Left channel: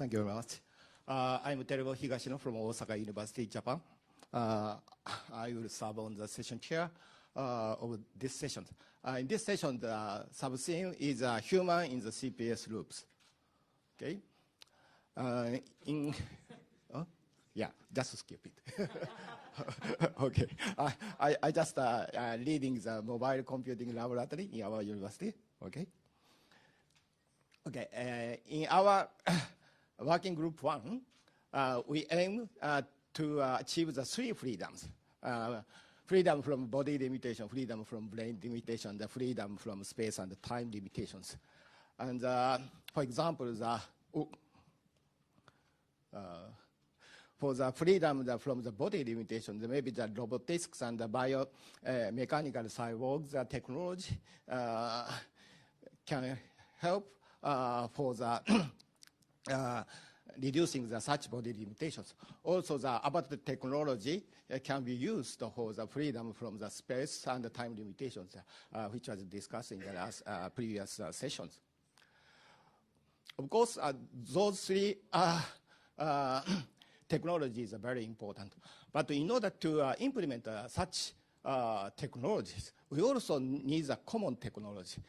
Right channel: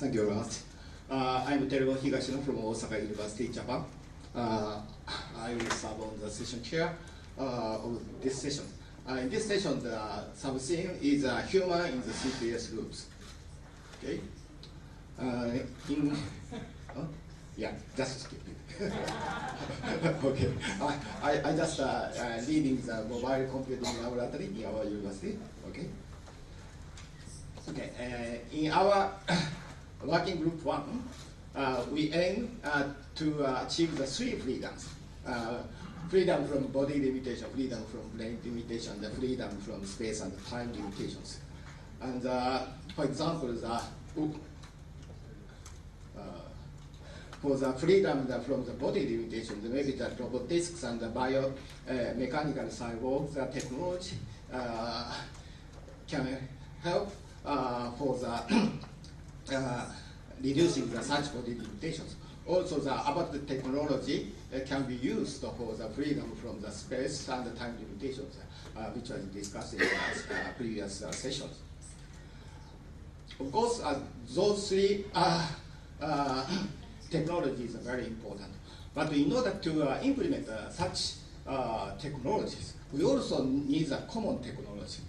Thank you very much. I'm Teruo from Osaka University, Japan. I will serve on the session chair of this session. In this session, the sub-theme is human in the CPS loops. Okay. Yeah, just skip it. Okay. I just leading the mobile computing laboratory in our university. Okay. Okay. In our working group 1, we aim to achieve the 3 freedoms. Freedom from body limitation, freedom from brain limitation, the freedom from space and time limitations. And for example, for the freedom from the body limitation, maybe the robotics and the biomechanical cyborgs technology can help for the reducing the such body limitations. Also, the about technology can be used for the freedom from the space and the time limitations, which was discussed in the previous sessions. Of course, those 3 technologies are very important. But in order to implement such technologies, we also need a common technology,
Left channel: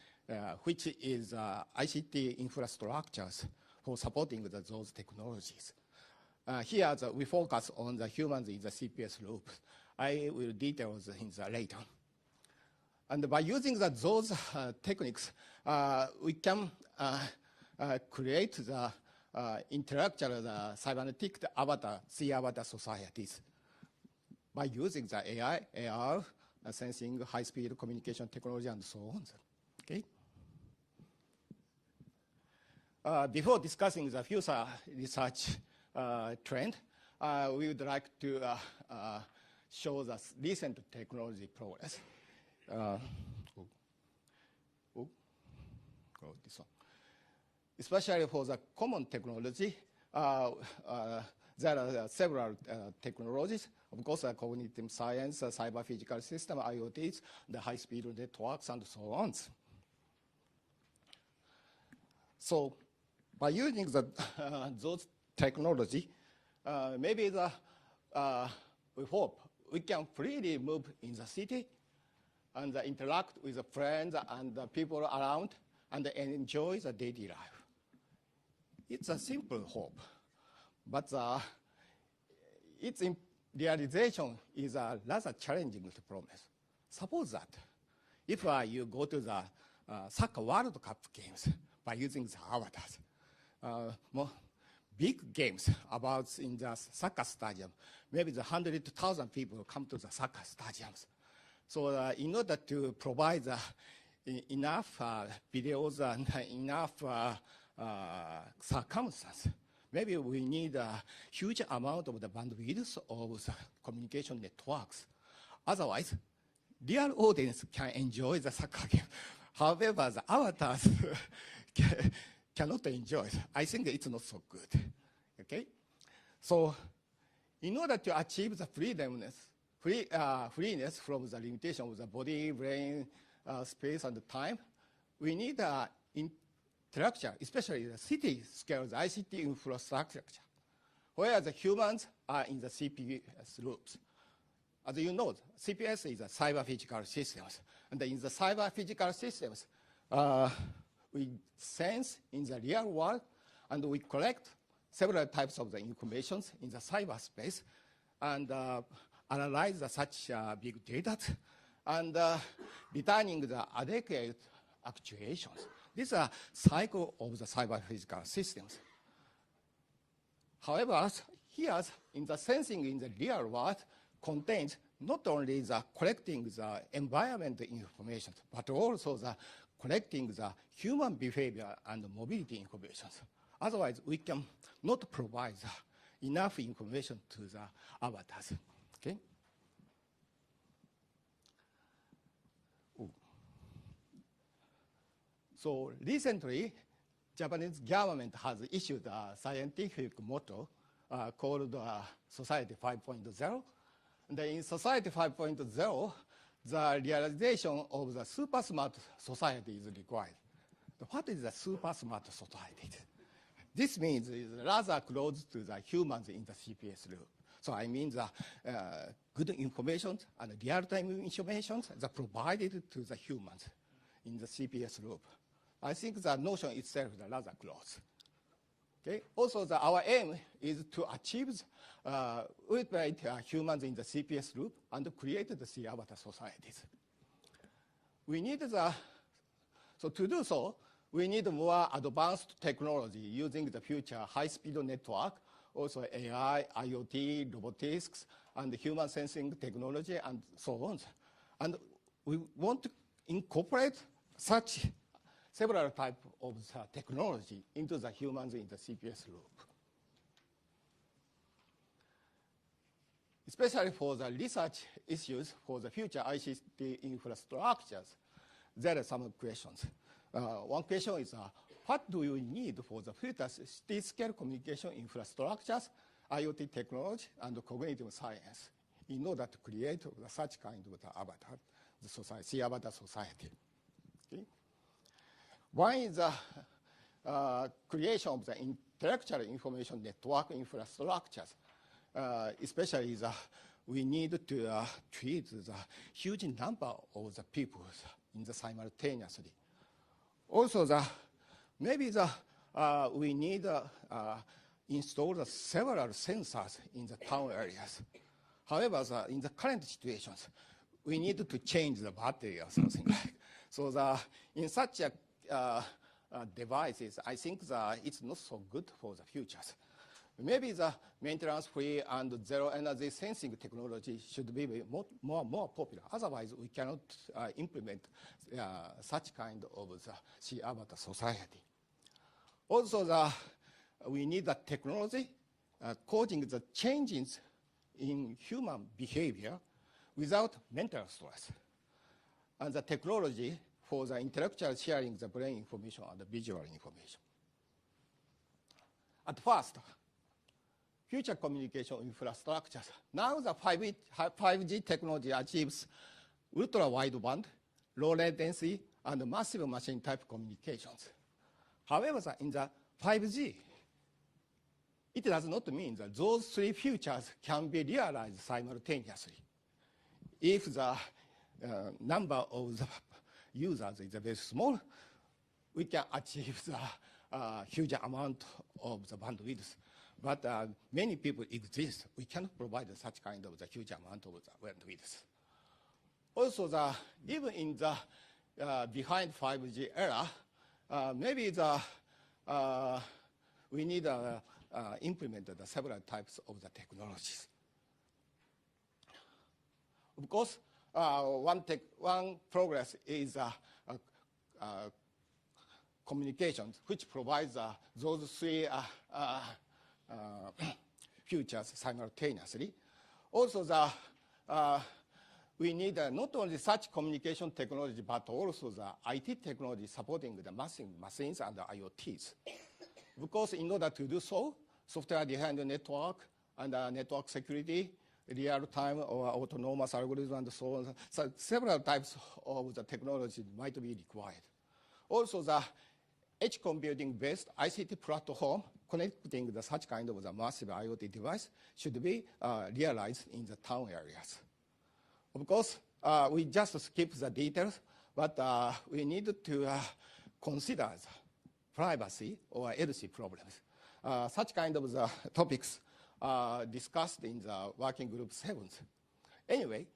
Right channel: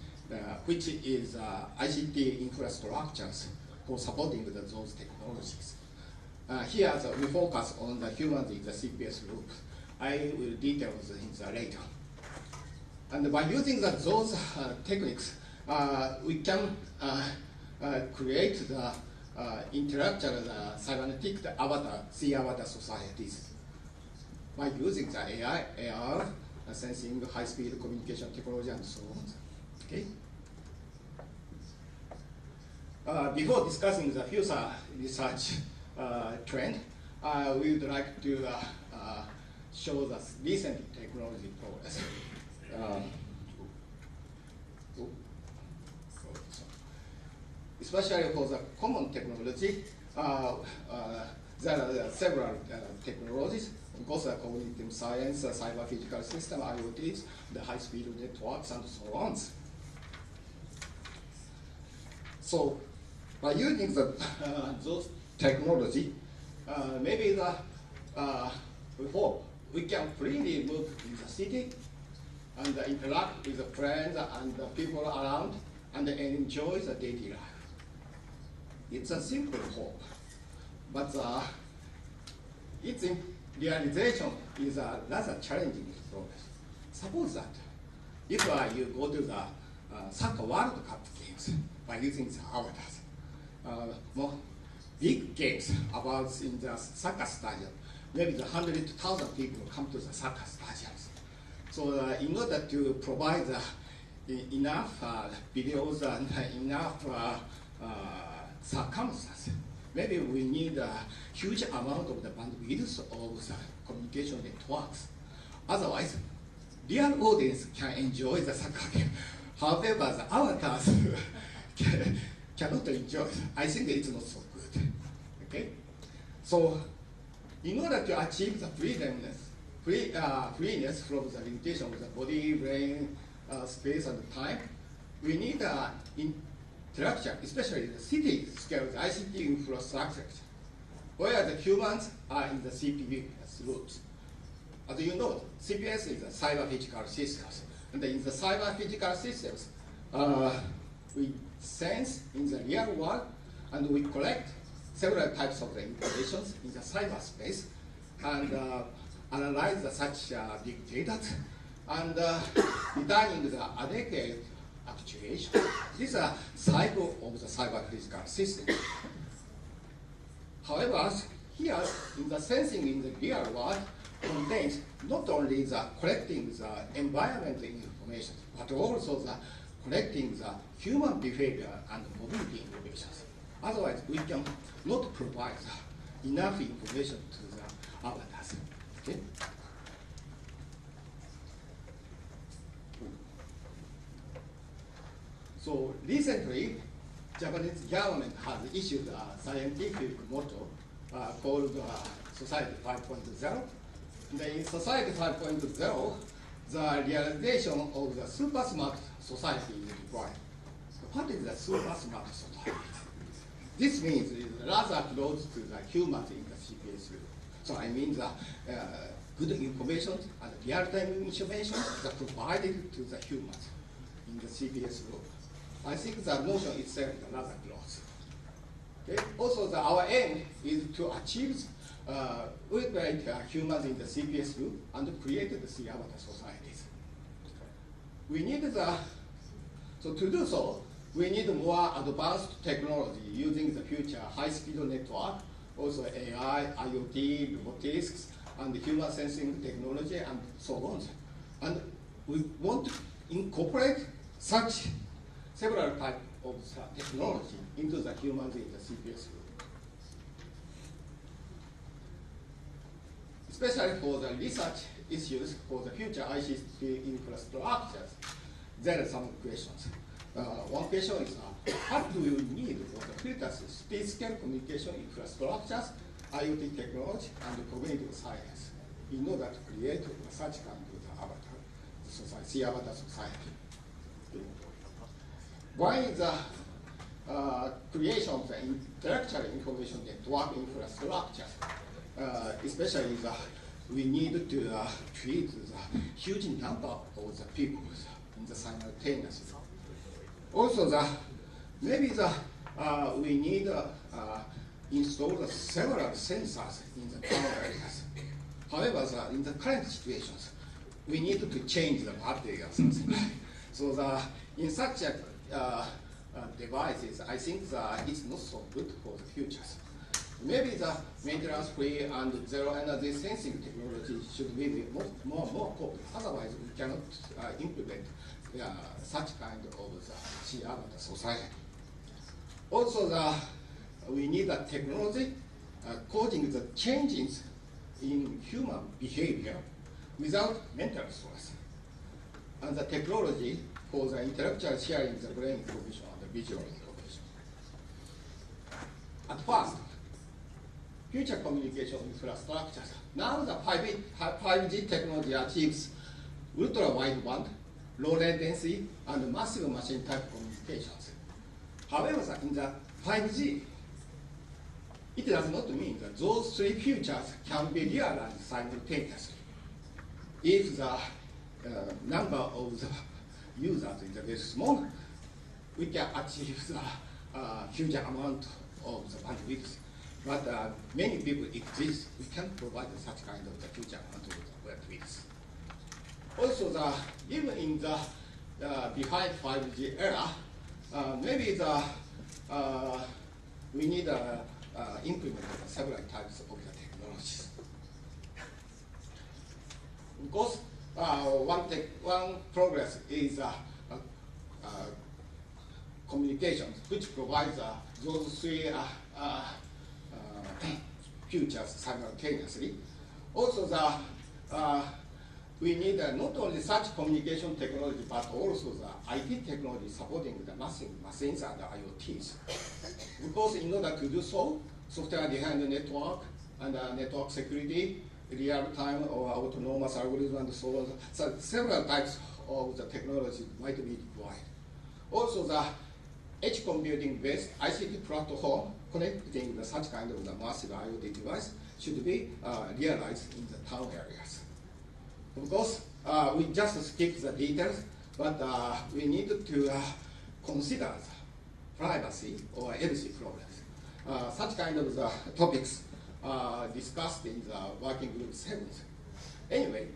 which is ICT infrastructures for supporting those technologies. Here, we focus on the humans in the CPS loop. I will detail the things later. And by using those techniques, we can create the interactive cybernetic avatar, C-avatar societies by using the AI, AR, sensing, high-speed communication technology, and so on. Okay. Before discussing the future research trend, we would like to show the recent technology progress. Especially for the common technology, there are several technologies. Of course, cognitive science, cyber physical system, IoTs, the high-speed networks, and so on. So, by using those technology, maybe we hope we can freely move in the city and interact with the friends and the people around and enjoy the daily life. It's a simple hope, but its realization is a rather challenging process. Suppose that if you go to the soccer World Cup games by using the avatars, more big games about in the soccer stadium, maybe 100,000 people come to the soccer stadiums. So in order to provide enough videos and enough circumstances, maybe we need a huge amount of the bandwidth of the communication networks. Otherwise, real audience can enjoy the soccer game. However, the avatars cannot enjoy it. I think it's not so good. Okay? So, in order to achieve the freeness from the limitation of the body, brain, space, and time, we need interaction, especially the city scale, the ICT infrastructure, where the humans are in the CPS loops. As you know, CPS is a cyber physical systems. And in the cyber physical systems, we sense in the real world, and we collect several types of information in the cyberspace, and analyze such big data, and returning the adequate actuation. This is a cycle of the cyber physical system. However, here in the sensing in the real world contains not only the collecting the environmental information, but also the collecting the human behavior and mobility information. Otherwise, we can not provide enough information to the avatars. Okay? So recently, Japanese government has issued a scientific motto called Society 5.0. In Society 5.0, the realization of the super smart society is required. So what is the super smart society? This means rather close to the humans in the CPS group. So I mean the good information and real-time information that provided to the humans in the CPS group. I think the notion itself is rather close. Okay? Also, our aim is to achieve with humans in the CPS group and create the three avatar societies. We need so to do so, we need more advanced technology using the future high-speed network, also AI, IoT, robotics, and human sensing technology, and so on. And we want to incorporate such several types of technology into the humans in the CPS group. Especially for the research issues for the future ICT infrastructures, there are some questions. One question is, what do you need for the future space-scale communication infrastructures, IoT technology, and cognitive science in order to create such kind of avatar society, avatar society? One is the creation of the intellectual information network infrastructures, especially we need to treat the huge number of the people in the simultaneously. Also, maybe we need install several sensors in the town areas. However, in the current situations, we need to change the battery or something. So in such devices, I think it's not so good for the futures. Maybe the maintenance-free and zero-energy sensing technology should be more popular. Otherwise, we cannot implement such kind of avatar society. Also, we need a technology causing the changes in human behavior without mental stress, and the technology for the intellectual sharing the brain information and the visual information. At first, future communication infrastructures. Now the 5G technology achieves ultra-wideband, low latency, and massive machine type communications. However, in the 5G, it does not mean that those three features can be realized simultaneously. If the number of the users is very small, we can achieve the huge amount of the bandwidth. But many people exist, we can provide such kind of the huge amount of the bandwidth. Also, even in the behind 5G era, maybe we need implement several types of the technologies. Because one progress is communications, which provides those three futures simultaneously. Also, we need not only such communication technology, but also the IT technology supporting the machines and the IoTs. Because in order to do so, software-defined network and network security, real-time or autonomous algorithm and so on. So several types of the technology might be required. Also, the edge computing-based ICT platform connecting such kind of the massive IoT device should be realized in the town areas. Of course, we just skip the details, but we need to consider privacy or privacy problems. Such kind of the topics discussed in the working group 7. Anyway,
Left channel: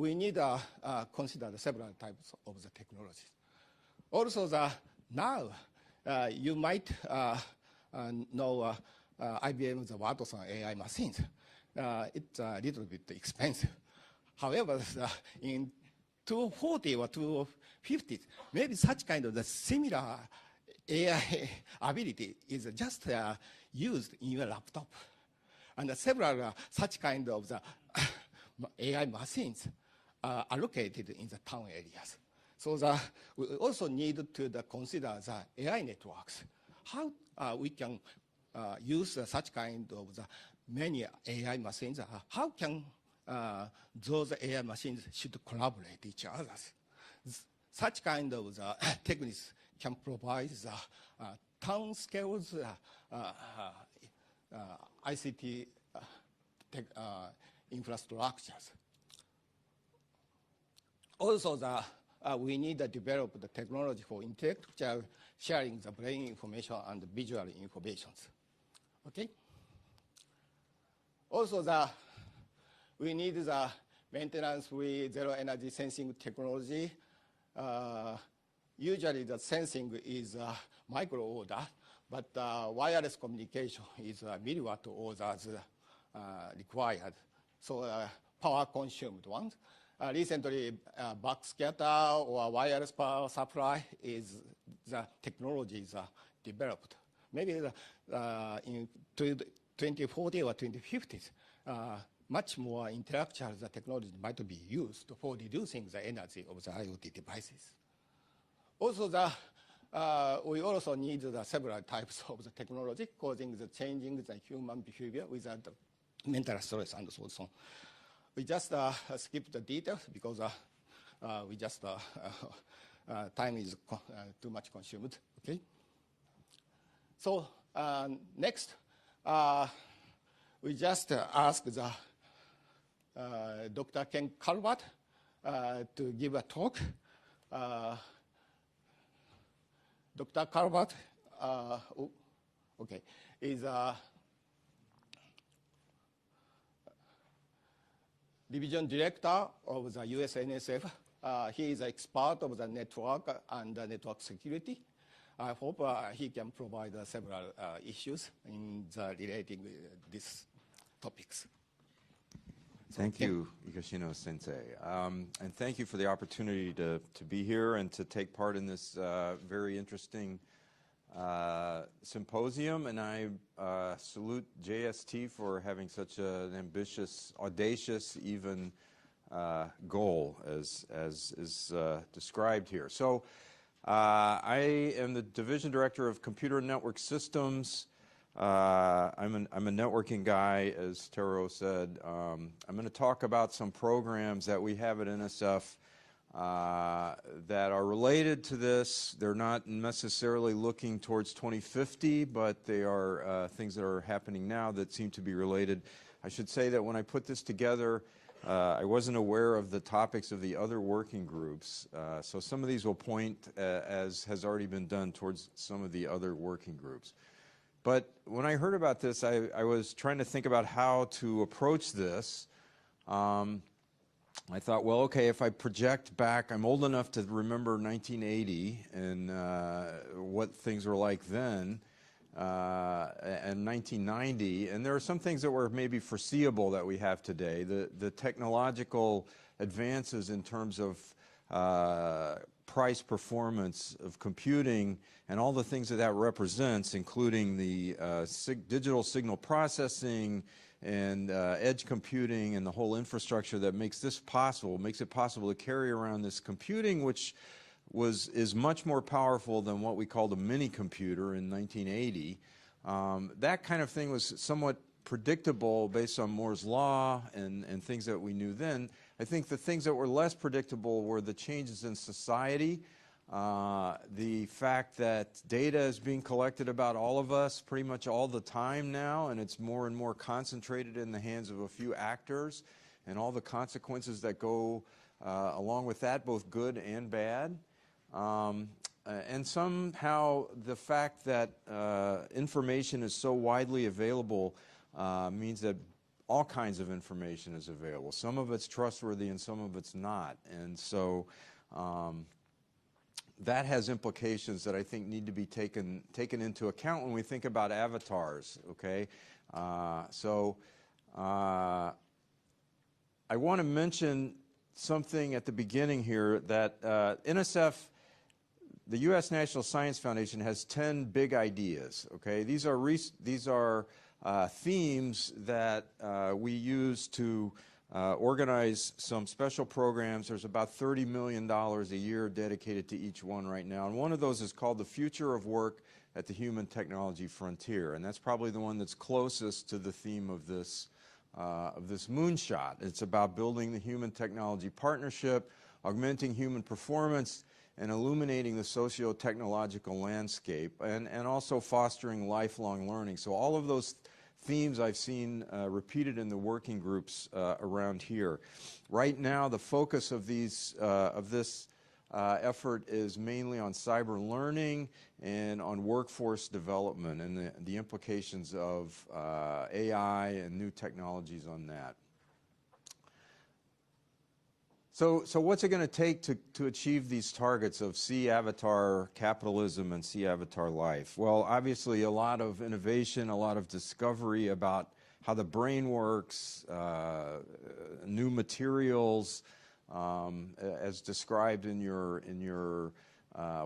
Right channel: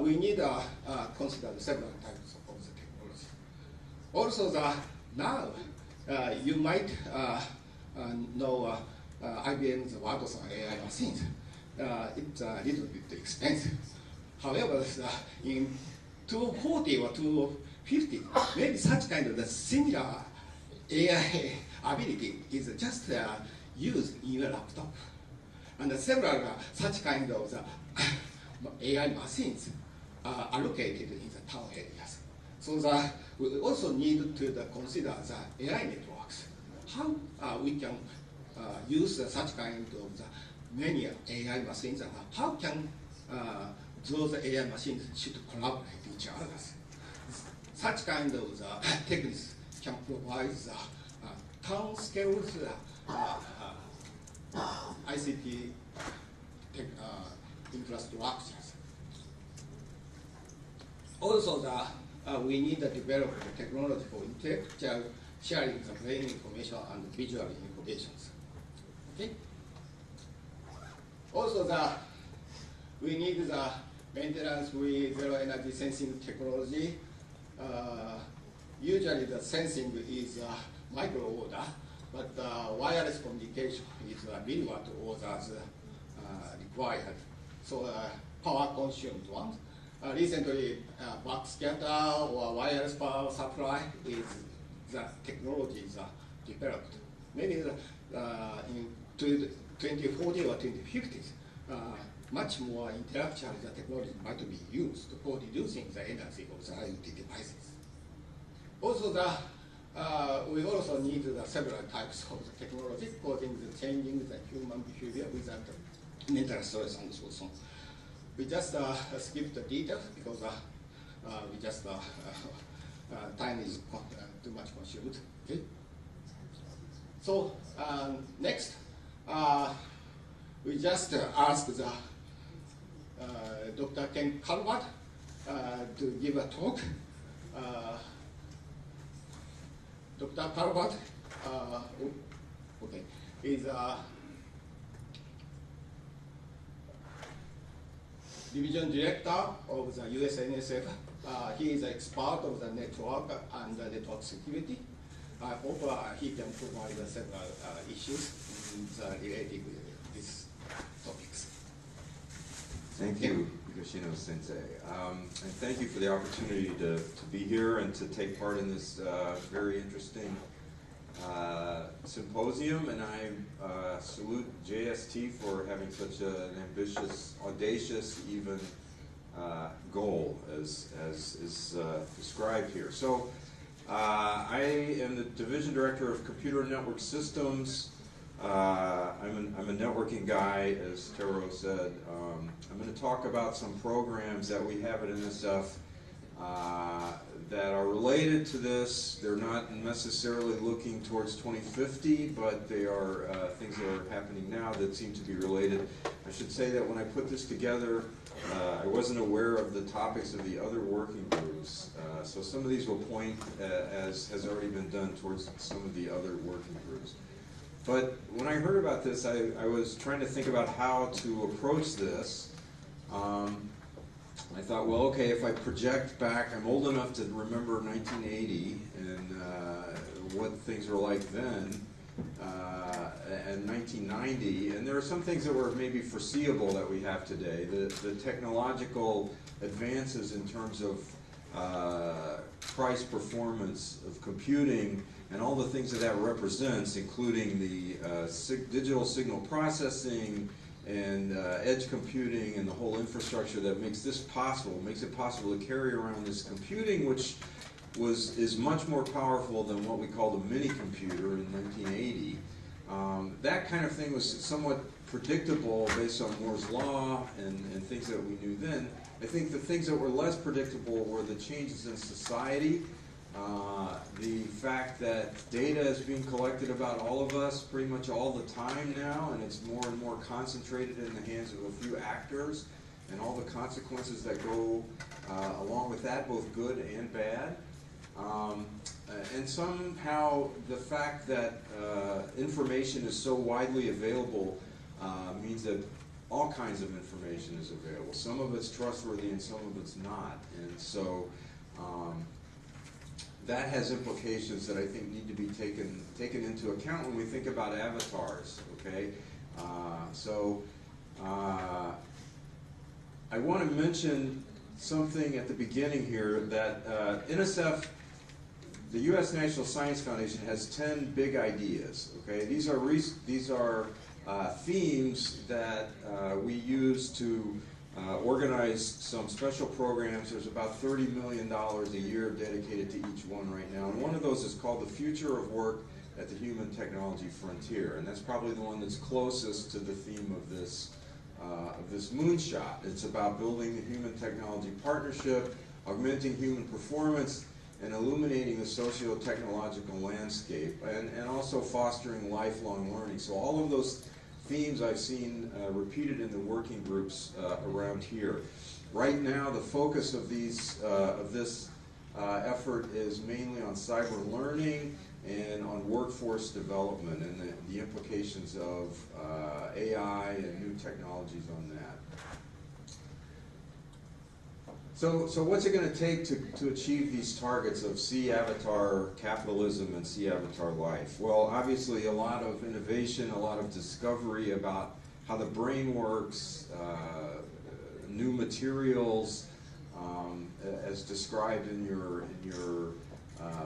we need to consider several types of the technology. Also, now you might know IBM's Watson AI machines. It's a little bit expensive. However, in 240 or 250, maybe such kind of the similar AI ability is just used in your laptop. And several such kind of the AI machines are allocated in the town areas. So we also need to consider the AI networks. How we can use such kind of the many AI machines. How can those AI machines should collaborate with each other? Such kind of techniques can provide the town scale ICT infrastructures. Also, we need to develop technology for intellectual sharing of brain information and visual innovations. Okay. Also, we need the maintenance with zero energy sensing technology. Usually, the sensing is micro order, but wireless communication is milliwatt orders required. So power consumed ones. Recently, backscatter or wireless power supply is the technologies developed. Maybe in 2040 or 2050s, much more intellectual technology might be used for reducing the energy of the IoT devices. Also, we also need several types of technology causing the changing the human behavior without mental stress and so on. We just skip the details because we just time is too much consumed. Okay. So next, we just ask the Dr. Ken Calvert to give a talk. Dr. Calvert, okay, is Division Director of the US NSF. He is an expert of the network and the network security. I hope he can provide several issues related with these topics. Thank you, Higashino Sensei. And thank you for the opportunity to be here and to take part in this very interesting symposium. And I salute JST for having such an ambitious, audacious even goal as is described here. So I am the Division Director of Computer and Network Systems. I'm a networking guy, as Teruo said. I'm going to talk about some programs that we have at NSF that are related to this. They're not necessarily looking towards 2050, but they are things that are happening now that seem to be related. I should say that when I put this together, I wasn't aware of the topics of the other working groups. So some of these will point, as has already been done, towards some of the other working groups. But when I heard about this, I was trying to think about how to approach this. I thought, well, okay, if I project back, I'm old enough to remember 1980 and what things were like then, and 1990, and there are some things that were maybe foreseeable that we have today. The technological advances in terms of price performance of computing and all the things that represents, including the digital signal processing and edge computing and the whole infrastructure that makes this possible, makes it possible to carry around this computing, which is much more powerful than what we called a mini computer in 1980. That kind of thing was somewhat predictable based on Moore's law and things that we knew then. I think the things that were less predictable were the changes in society, the fact that data is being collected about all of us pretty much all the time now, and it's more and more concentrated in the hands of a few actors, and all the consequences that go along with that, both good and bad. And somehow the fact that information is so widely available means that all kinds of information is available. Some of it's trustworthy and some of it's not. And so that has implications that I think need to be taken into account when we think about avatars, okay? I want to mention something at the beginning here that NSF, the U.S. National Science Foundation, has 10 big ideas, okay? These are themes that we use to organize some special programs. There's about $30 million a year dedicated to each one right now. And one of those is called The Future of Work at the Human Technology Frontier. And that's probably the one that's closest to the theme of this Moonshot. It's about building the human technology partnership, augmenting human performance, and illuminating the socio-technological landscape, and also fostering lifelong learning. So all of those themes I've seen repeated in the working groups around here. Right now, the focus of this effort is mainly on cyber learning and on workforce development and the implications of AI and new technologies on that. So what's it going to take to achieve these targets of C-avatar capitalism and C-avatar life? Well, obviously a lot of innovation, a lot of discovery about how the brain works, new materials, as described in your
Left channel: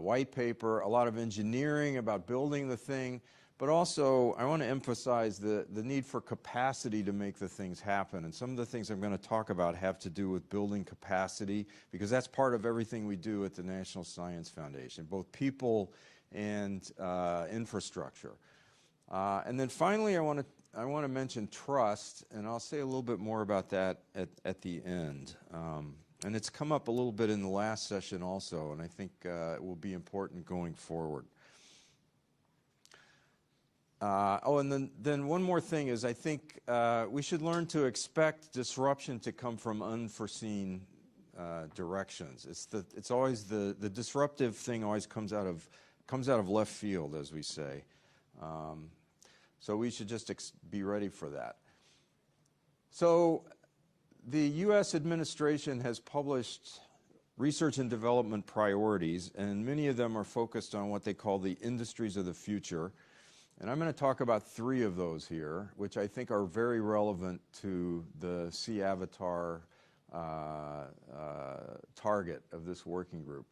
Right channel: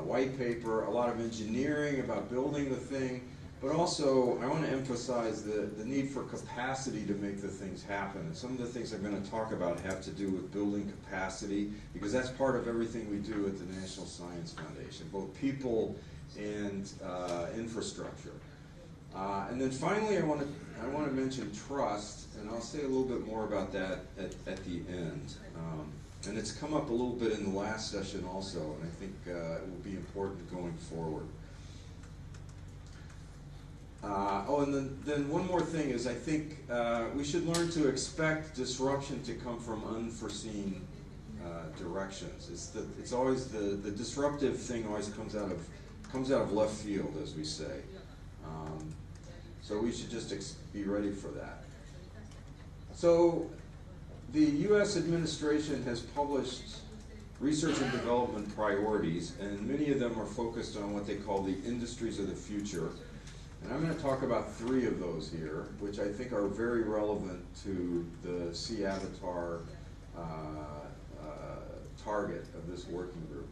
white paper, a lot of engineering about building the thing, but also I want to emphasize the need for capacity to make the things happen. And some of the things I'm going to talk about have to do with building capacity, because that's part of everything we do at the National Science Foundation, both people and infrastructure. And then finally, I want to mention trust, and I'll say a little bit more about that at the end. And it's come up a little bit in the last session also, and I think it will be important going forward. And then one more thing is I think we should learn to expect disruption to come from unforeseen directions. It's always the disruptive thing always comes out of left field, as we say. So we should just be ready for that. So the U.S. administration has published research and development priorities, and many of them are focused on what they call the industries of the future. And I'm going to talk about 3 of those here, which I think are very relevant to the C-avatar target of this working group.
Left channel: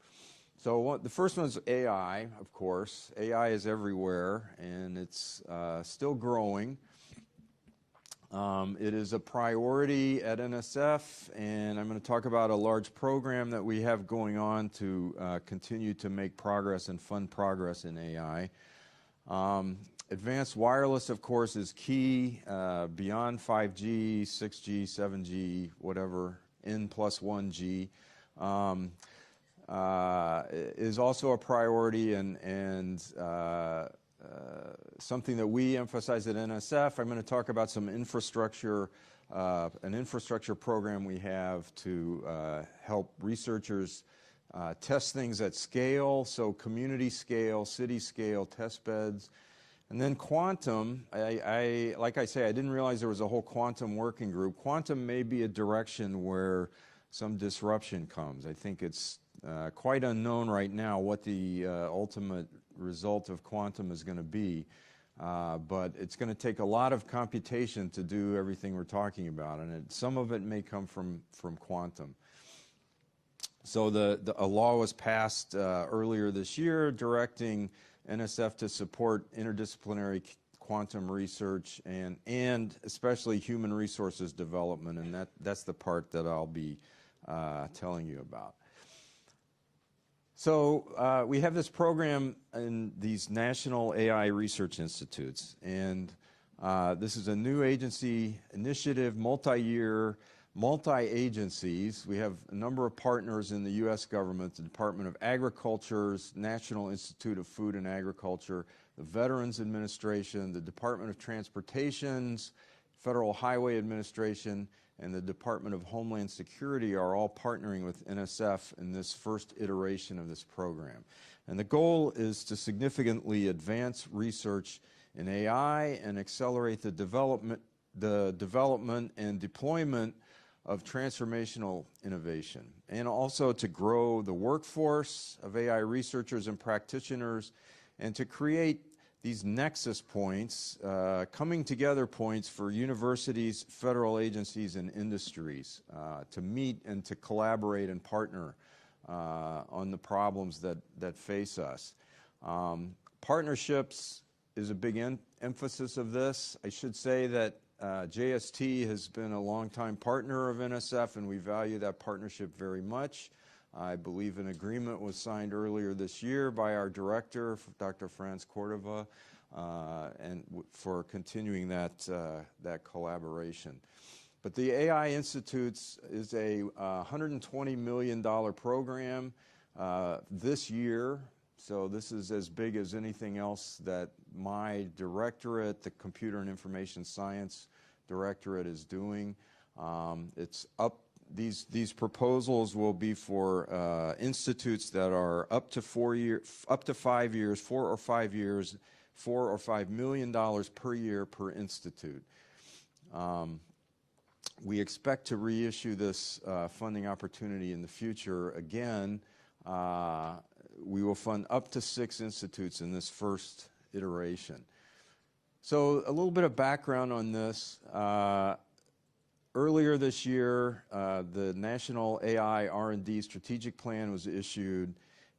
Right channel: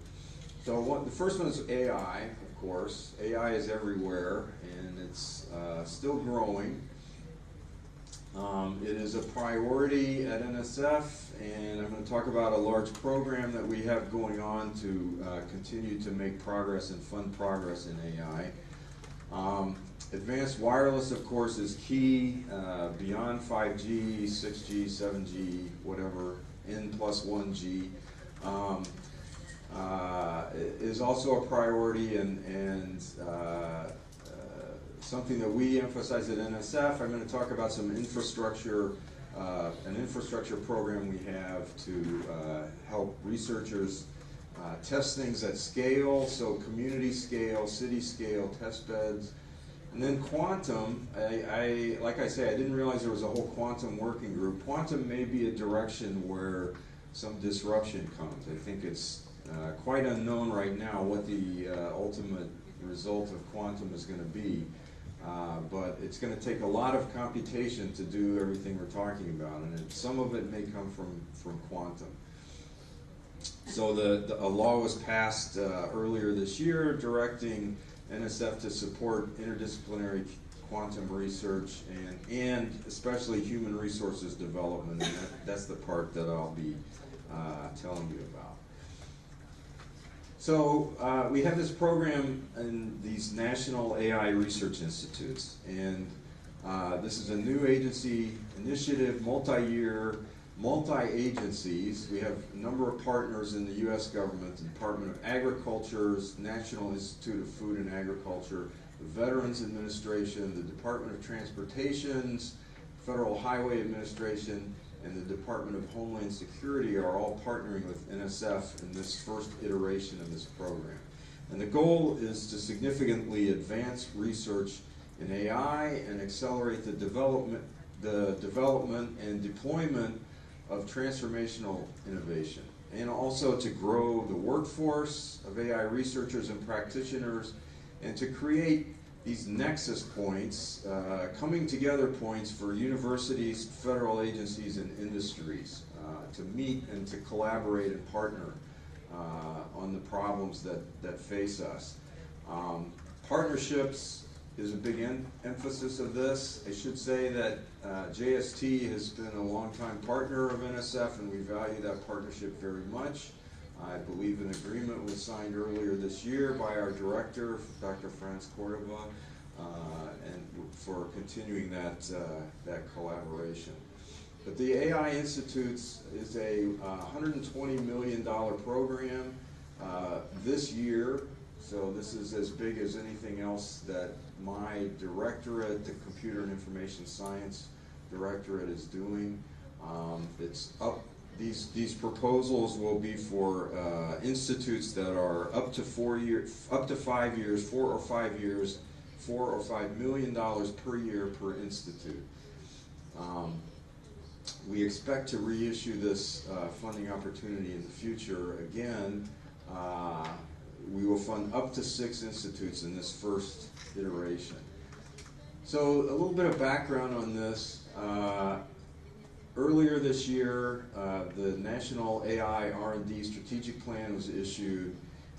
So the first one is AI, of course. AI is everywhere, and it's still growing. It is a priority at NSF, and I'm going to talk about a large program that we have going on to continue to make progress and fund progress in AI. Advanced wireless, of course, is key. Beyond 5G, 6G, 7G, whatever, N+1G, is also a priority and something that we emphasize at NSF. I'm going to talk about some infrastructure, an infrastructure program we have to help researchers test things at scale, so community scale, city scale, test beds. And then quantum, like I say, I didn't realize there was a whole quantum working group. Quantum may be a direction where some disruption comes. I think it's quite unknown right now what the ultimate result of quantum is going to be. But it's going to take a lot of computation to do everything we're talking about, and some of it may come from quantum. So a law was passed earlier this year directing NSF to support interdisciplinary quantum research and especially human resources development, and that's the part that I'll be telling you about. So we have this program in these national AI research institutes, and this is a new agency initiative, multi-year, multi-agencies. We have a number of partners in the U.S. government, the Department of Agriculture's National Institute of Food and Agriculture, the Veterans Administration, the Department of Transportation's Federal Highway Administration, and the Department of Homeland Security are all partnering with NSF in this first iteration of this program. And the goal is to significantly advance research in AI and accelerate the development and deployment of transformational innovation, and also to grow the workforce of AI researchers and practitioners, and to create these nexus points, coming together points for universities, federal agencies, and industries to meet and to collaborate and partner on the problems that face us. Partnerships is a big emphasis of this. I should say that JST has been a longtime partner of NSF, and we value that partnership very much. I believe an agreement was signed earlier this year by our director, Dr. Franz Cordova, and for continuing that collaboration. But the AI Institutes is a $120 million program this year, so this is as big as anything else that my directorate, the Computer and Information Science Directorate, is doing. It's up. These proposals will be for institutes that are up to 5 years, 4 or 5 years, $4 or $5 million per year per institute. We expect to reissue this funding opportunity in the future. Again, we will fund up to 6 institutes in this first iteration. So a little bit of background on this. Earlier this year, the National AI R&D Strategic Plan was issued,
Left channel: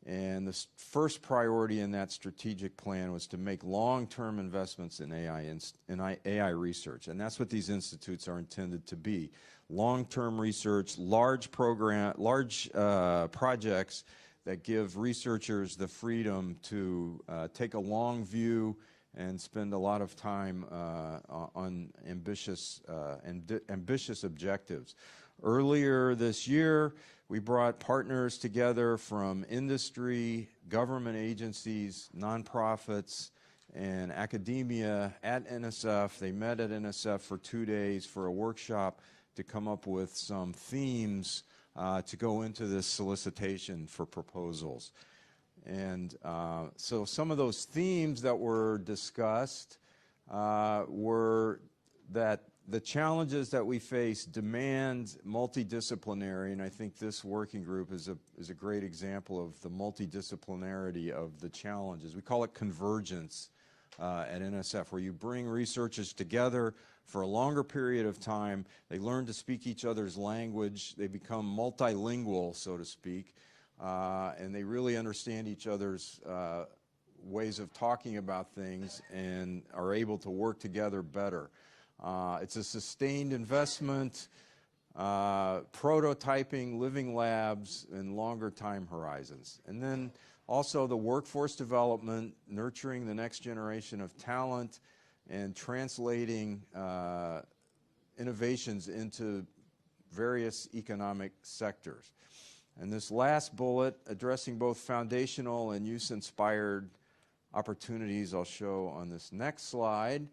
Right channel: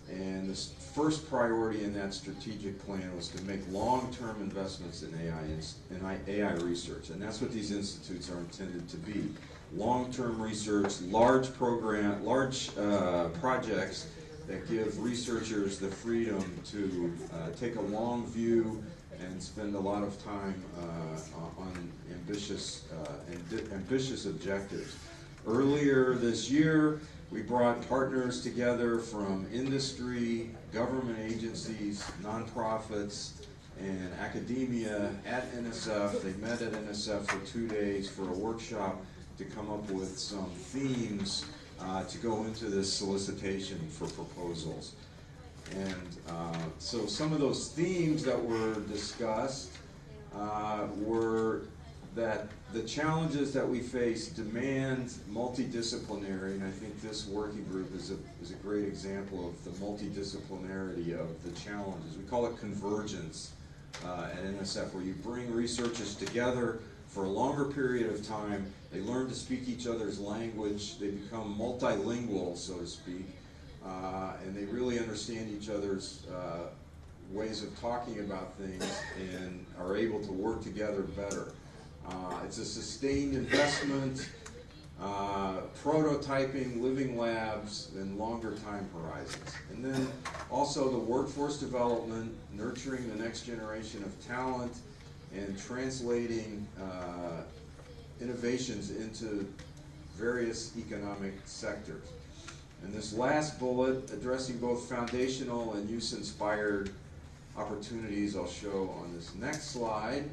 and the first priority in that strategic plan was to make long-term investments in AI research, and that's what these institutes are intended to be. Long-term research, large projects that give researchers the freedom to take a long view and spend a lot of time on ambitious objectives. Earlier this year, we brought partners together from industry, government agencies, nonprofits, and academia at NSF. They met at NSF for 2 days for a workshop to come up with some themes to go into this solicitation for proposals. And so some of those themes that were discussed were that the challenges that we face demand multidisciplinary, and I think this working group is a great example of the multidisciplinarity of the challenges. We call it convergence at NSF, where you bring researchers together for a longer period of time. They learn to speak each other's language. They become multilingual, so to speak, and they really understand each other's ways of talking about things and are able to work together better. It's a sustained investment, prototyping, living labs, and longer time horizons. And then also the workforce development, nurturing the next generation of talent, and translating innovations into various economic sectors. And this last bullet, addressing both foundational and use-inspired opportunities, I'll show on this next slide.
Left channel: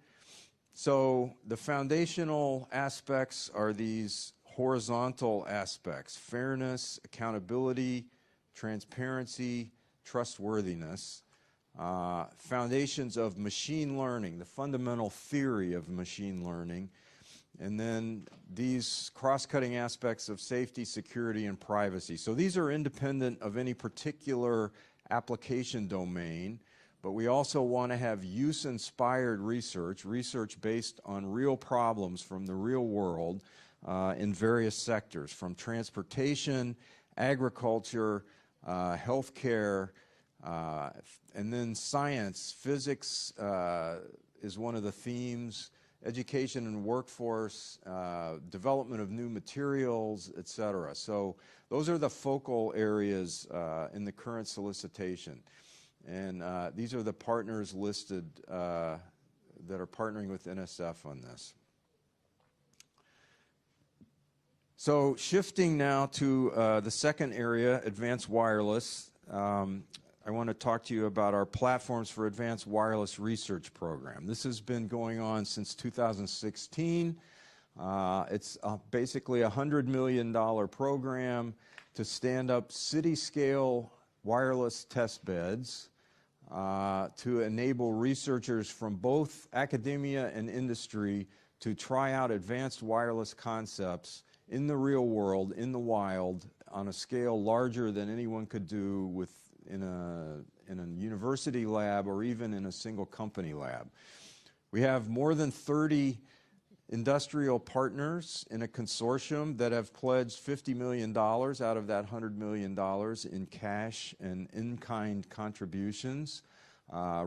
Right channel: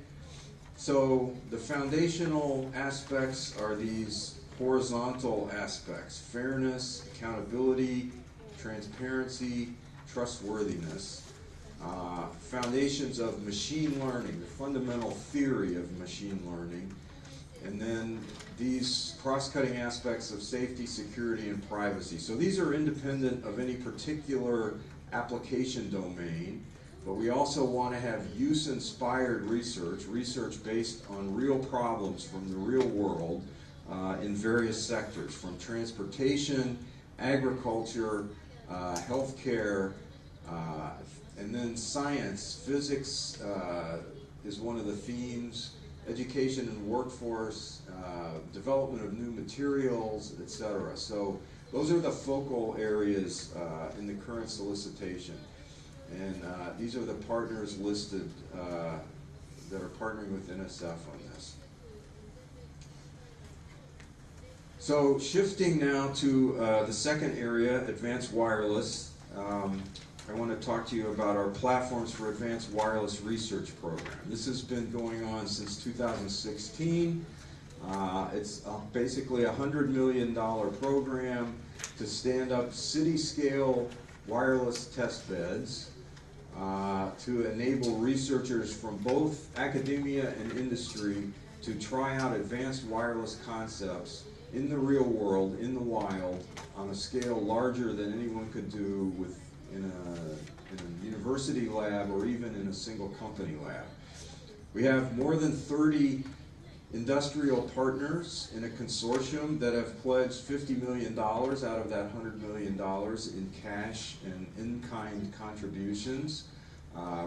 So the foundational aspects are these horizontal aspects: fairness, accountability, transparency, trustworthiness. Foundations of machine learning, the fundamental theory of machine learning. And then these cross-cutting aspects of safety, security, and privacy. So these are independent of any particular application domain, but we also want to have use-inspired research, research based on real problems from the real world in various sectors, from transportation, agriculture, healthcare, and then science. Physics is one of the themes, education and workforce, development of new materials, etc. So those are the focal areas in the current solicitation. And these are the partners listed that are partnering with NSF on this. So shifting now to the second area, advanced wireless. I want to talk to you about our Platforms for Advanced Wireless Research program. This has been going on since 2016. It's basically a $100 million program to stand up city-scale wireless test beds to enable researchers from both academia and industry to try out advanced wireless concepts in the real world, in the wild, on a scale larger than anyone could do in a university lab or even in a single company lab. We have more than 30 industrial partners in a consortium that have pledged $50 million out of that $100 million in cash and in-kind contributions,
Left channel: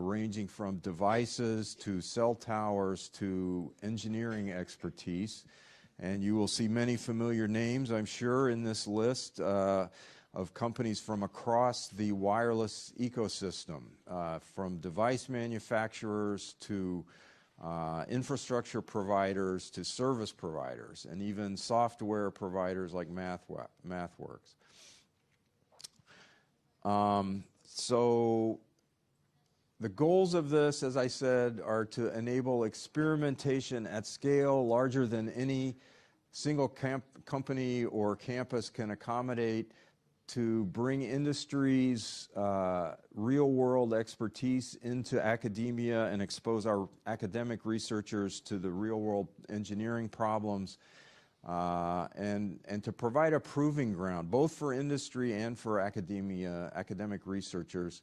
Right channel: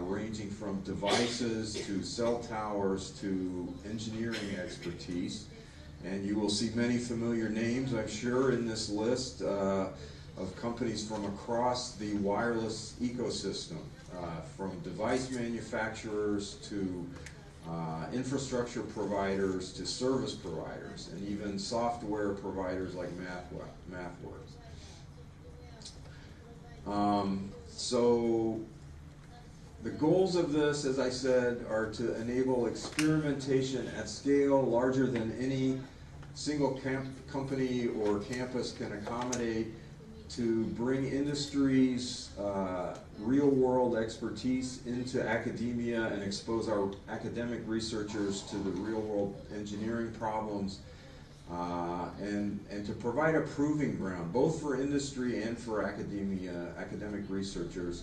ranging from devices to cell towers to engineering expertise. And you will see many familiar names, I'm sure, in this list of companies from across the wireless ecosystem, from device manufacturers to infrastructure providers to service providers, and even software providers like MathWorks. So The goals of this, as I said, are to enable experimentation at scale larger than any single company or campus can accommodate, to bring industry's real-world expertise into academia and expose our academic researchers to the real-world engineering problems, and to provide a proving ground, both for industry and for academic researchers,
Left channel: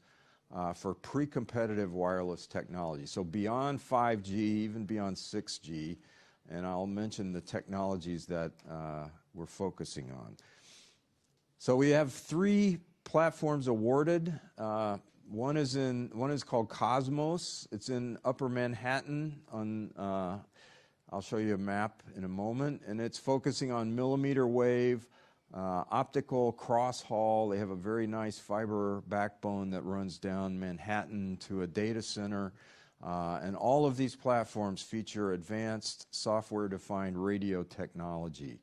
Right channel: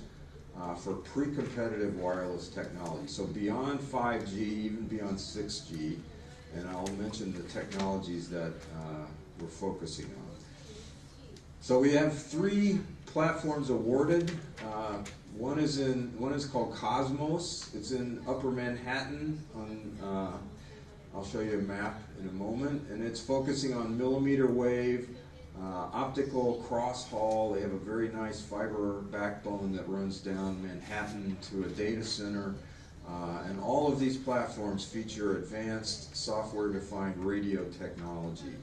for pre-competitive wireless technology. So beyond 5G, even beyond 6G, and I'll mention the technologies that we're focusing on. So we have 3 platforms awarded. One is called Cosmos. It's in Upper Manhattan. I'll show you a map in a moment, and it's focusing on millimeter wave, optical cross-haul. They have a very nice fiber backbone that runs down Manhattan to a data center. And all of these platforms feature advanced software-defined radio technology.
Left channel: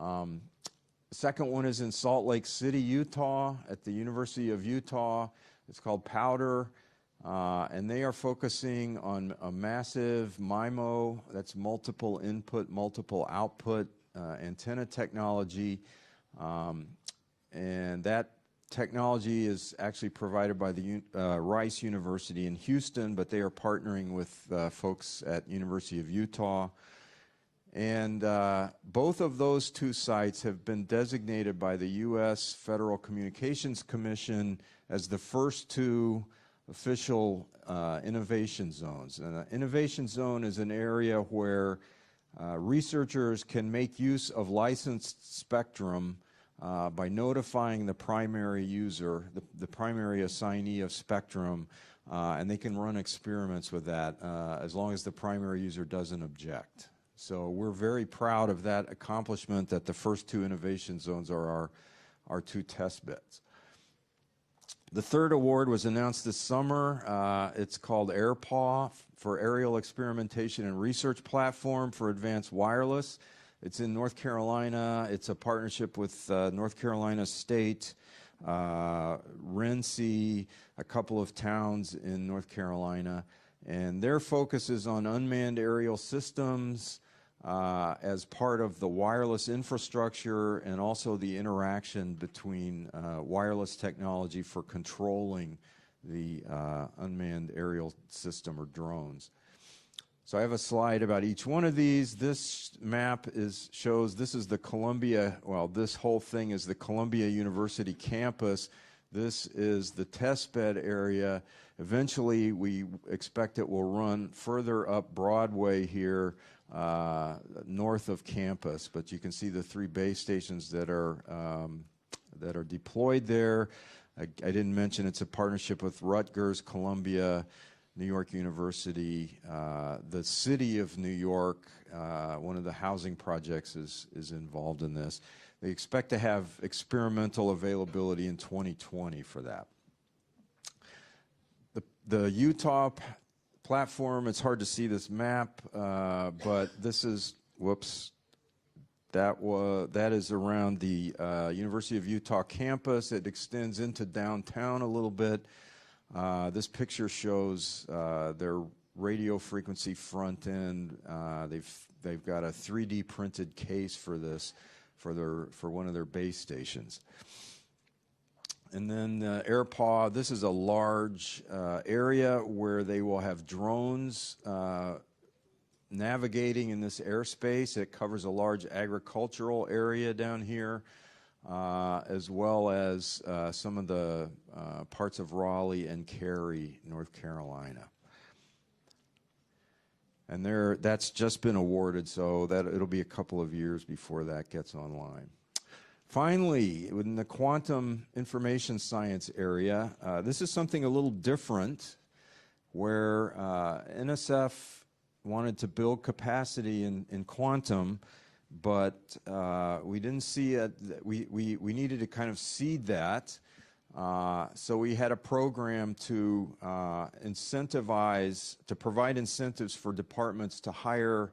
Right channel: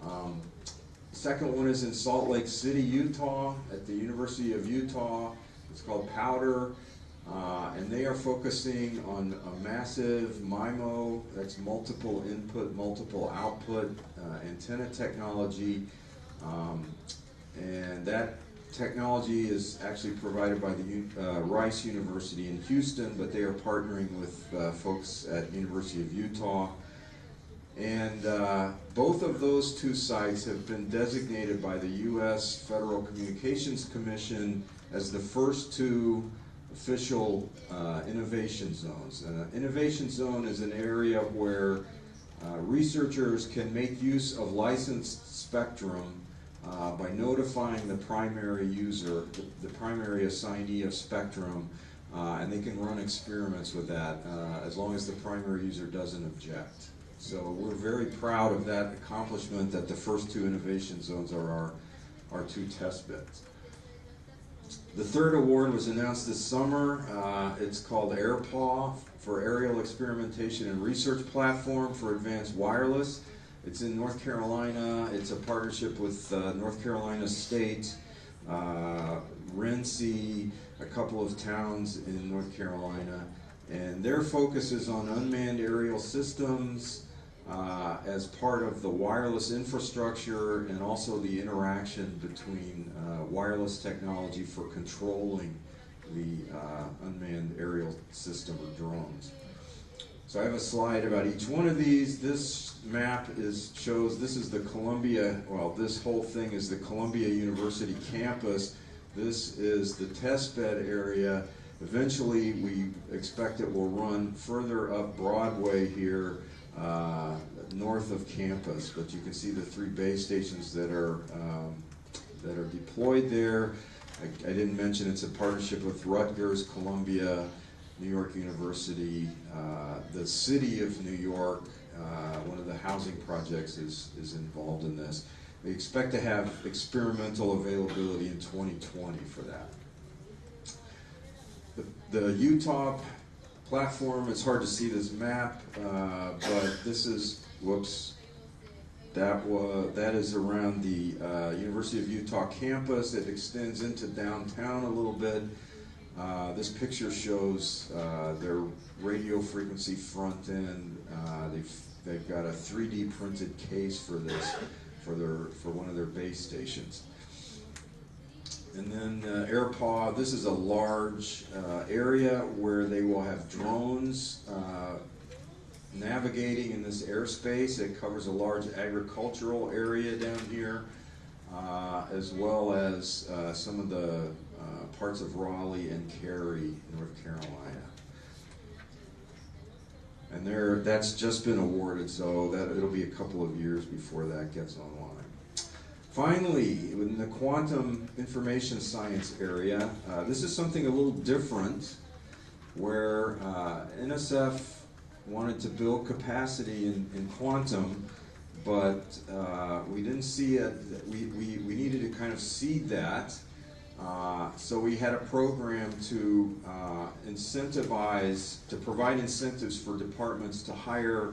The second one is in Salt Lake City, Utah, at the University of Utah. It's called Powder, and they are focusing on a massive MIMO, that's multiple input, multiple output antenna technology. And that technology is actually provided by the Rice University in Houston, but they are partnering with folks at University of Utah. And both of those 2 sites have been designated by the U.S. Federal Communications Commission as the first 2 official innovation zones. An innovation zone is an area where researchers can make use of licensed spectrum by notifying the primary user, the primary assignee of spectrum, and they can run experiments with that as long as the primary user doesn't object. So we're very proud of that accomplishment, that the first 2 innovation zones are our 2 test beds. The 3rd award was announced this summer. It's called AirPaw, for Aerial Experimentation and Research Platform for Advanced Wireless. It's in North Carolina. It's a partnership with North Carolina State, Renzi, a couple of towns in North Carolina. And their focus is on unmanned aerial systems as part of the wireless infrastructure, and also the interaction between wireless technology for controlling the unmanned aerial system or drones. So I have a slide about each one of these. This map shows, this is the Columbia, well, this whole thing is the Columbia University campus. This is the test bed area. Eventually, we expect it will run further up Broadway here, north of campus. But you can see the 3 base stations that are deployed there. I didn't mention it's a partnership with Rutgers, Columbia, New York University, the city of New York. One of the housing projects is involved in this. We expect to have experimental availability in 2020 for that. The Utah platform, it's hard to see this map, but this is, whoops, that is around the University of Utah campus. It extends into downtown a little bit. This picture shows their radio frequency front end. They've got a 3D printed case for this, for one of their base stations. And then AirPaw, this is a large area where they will have drones navigating in this airspace. It covers a large agricultural area down here, as well as some of the parts of Raleigh and Cary, North Carolina. And that's just been awarded, so it'll be a couple of years before that gets online. Finally, in the quantum information science area, this is something a little different, where NSF wanted to build capacity in quantum, but we didn't see it. We needed to kind of seed that. So we had a program to provide incentives for departments to hire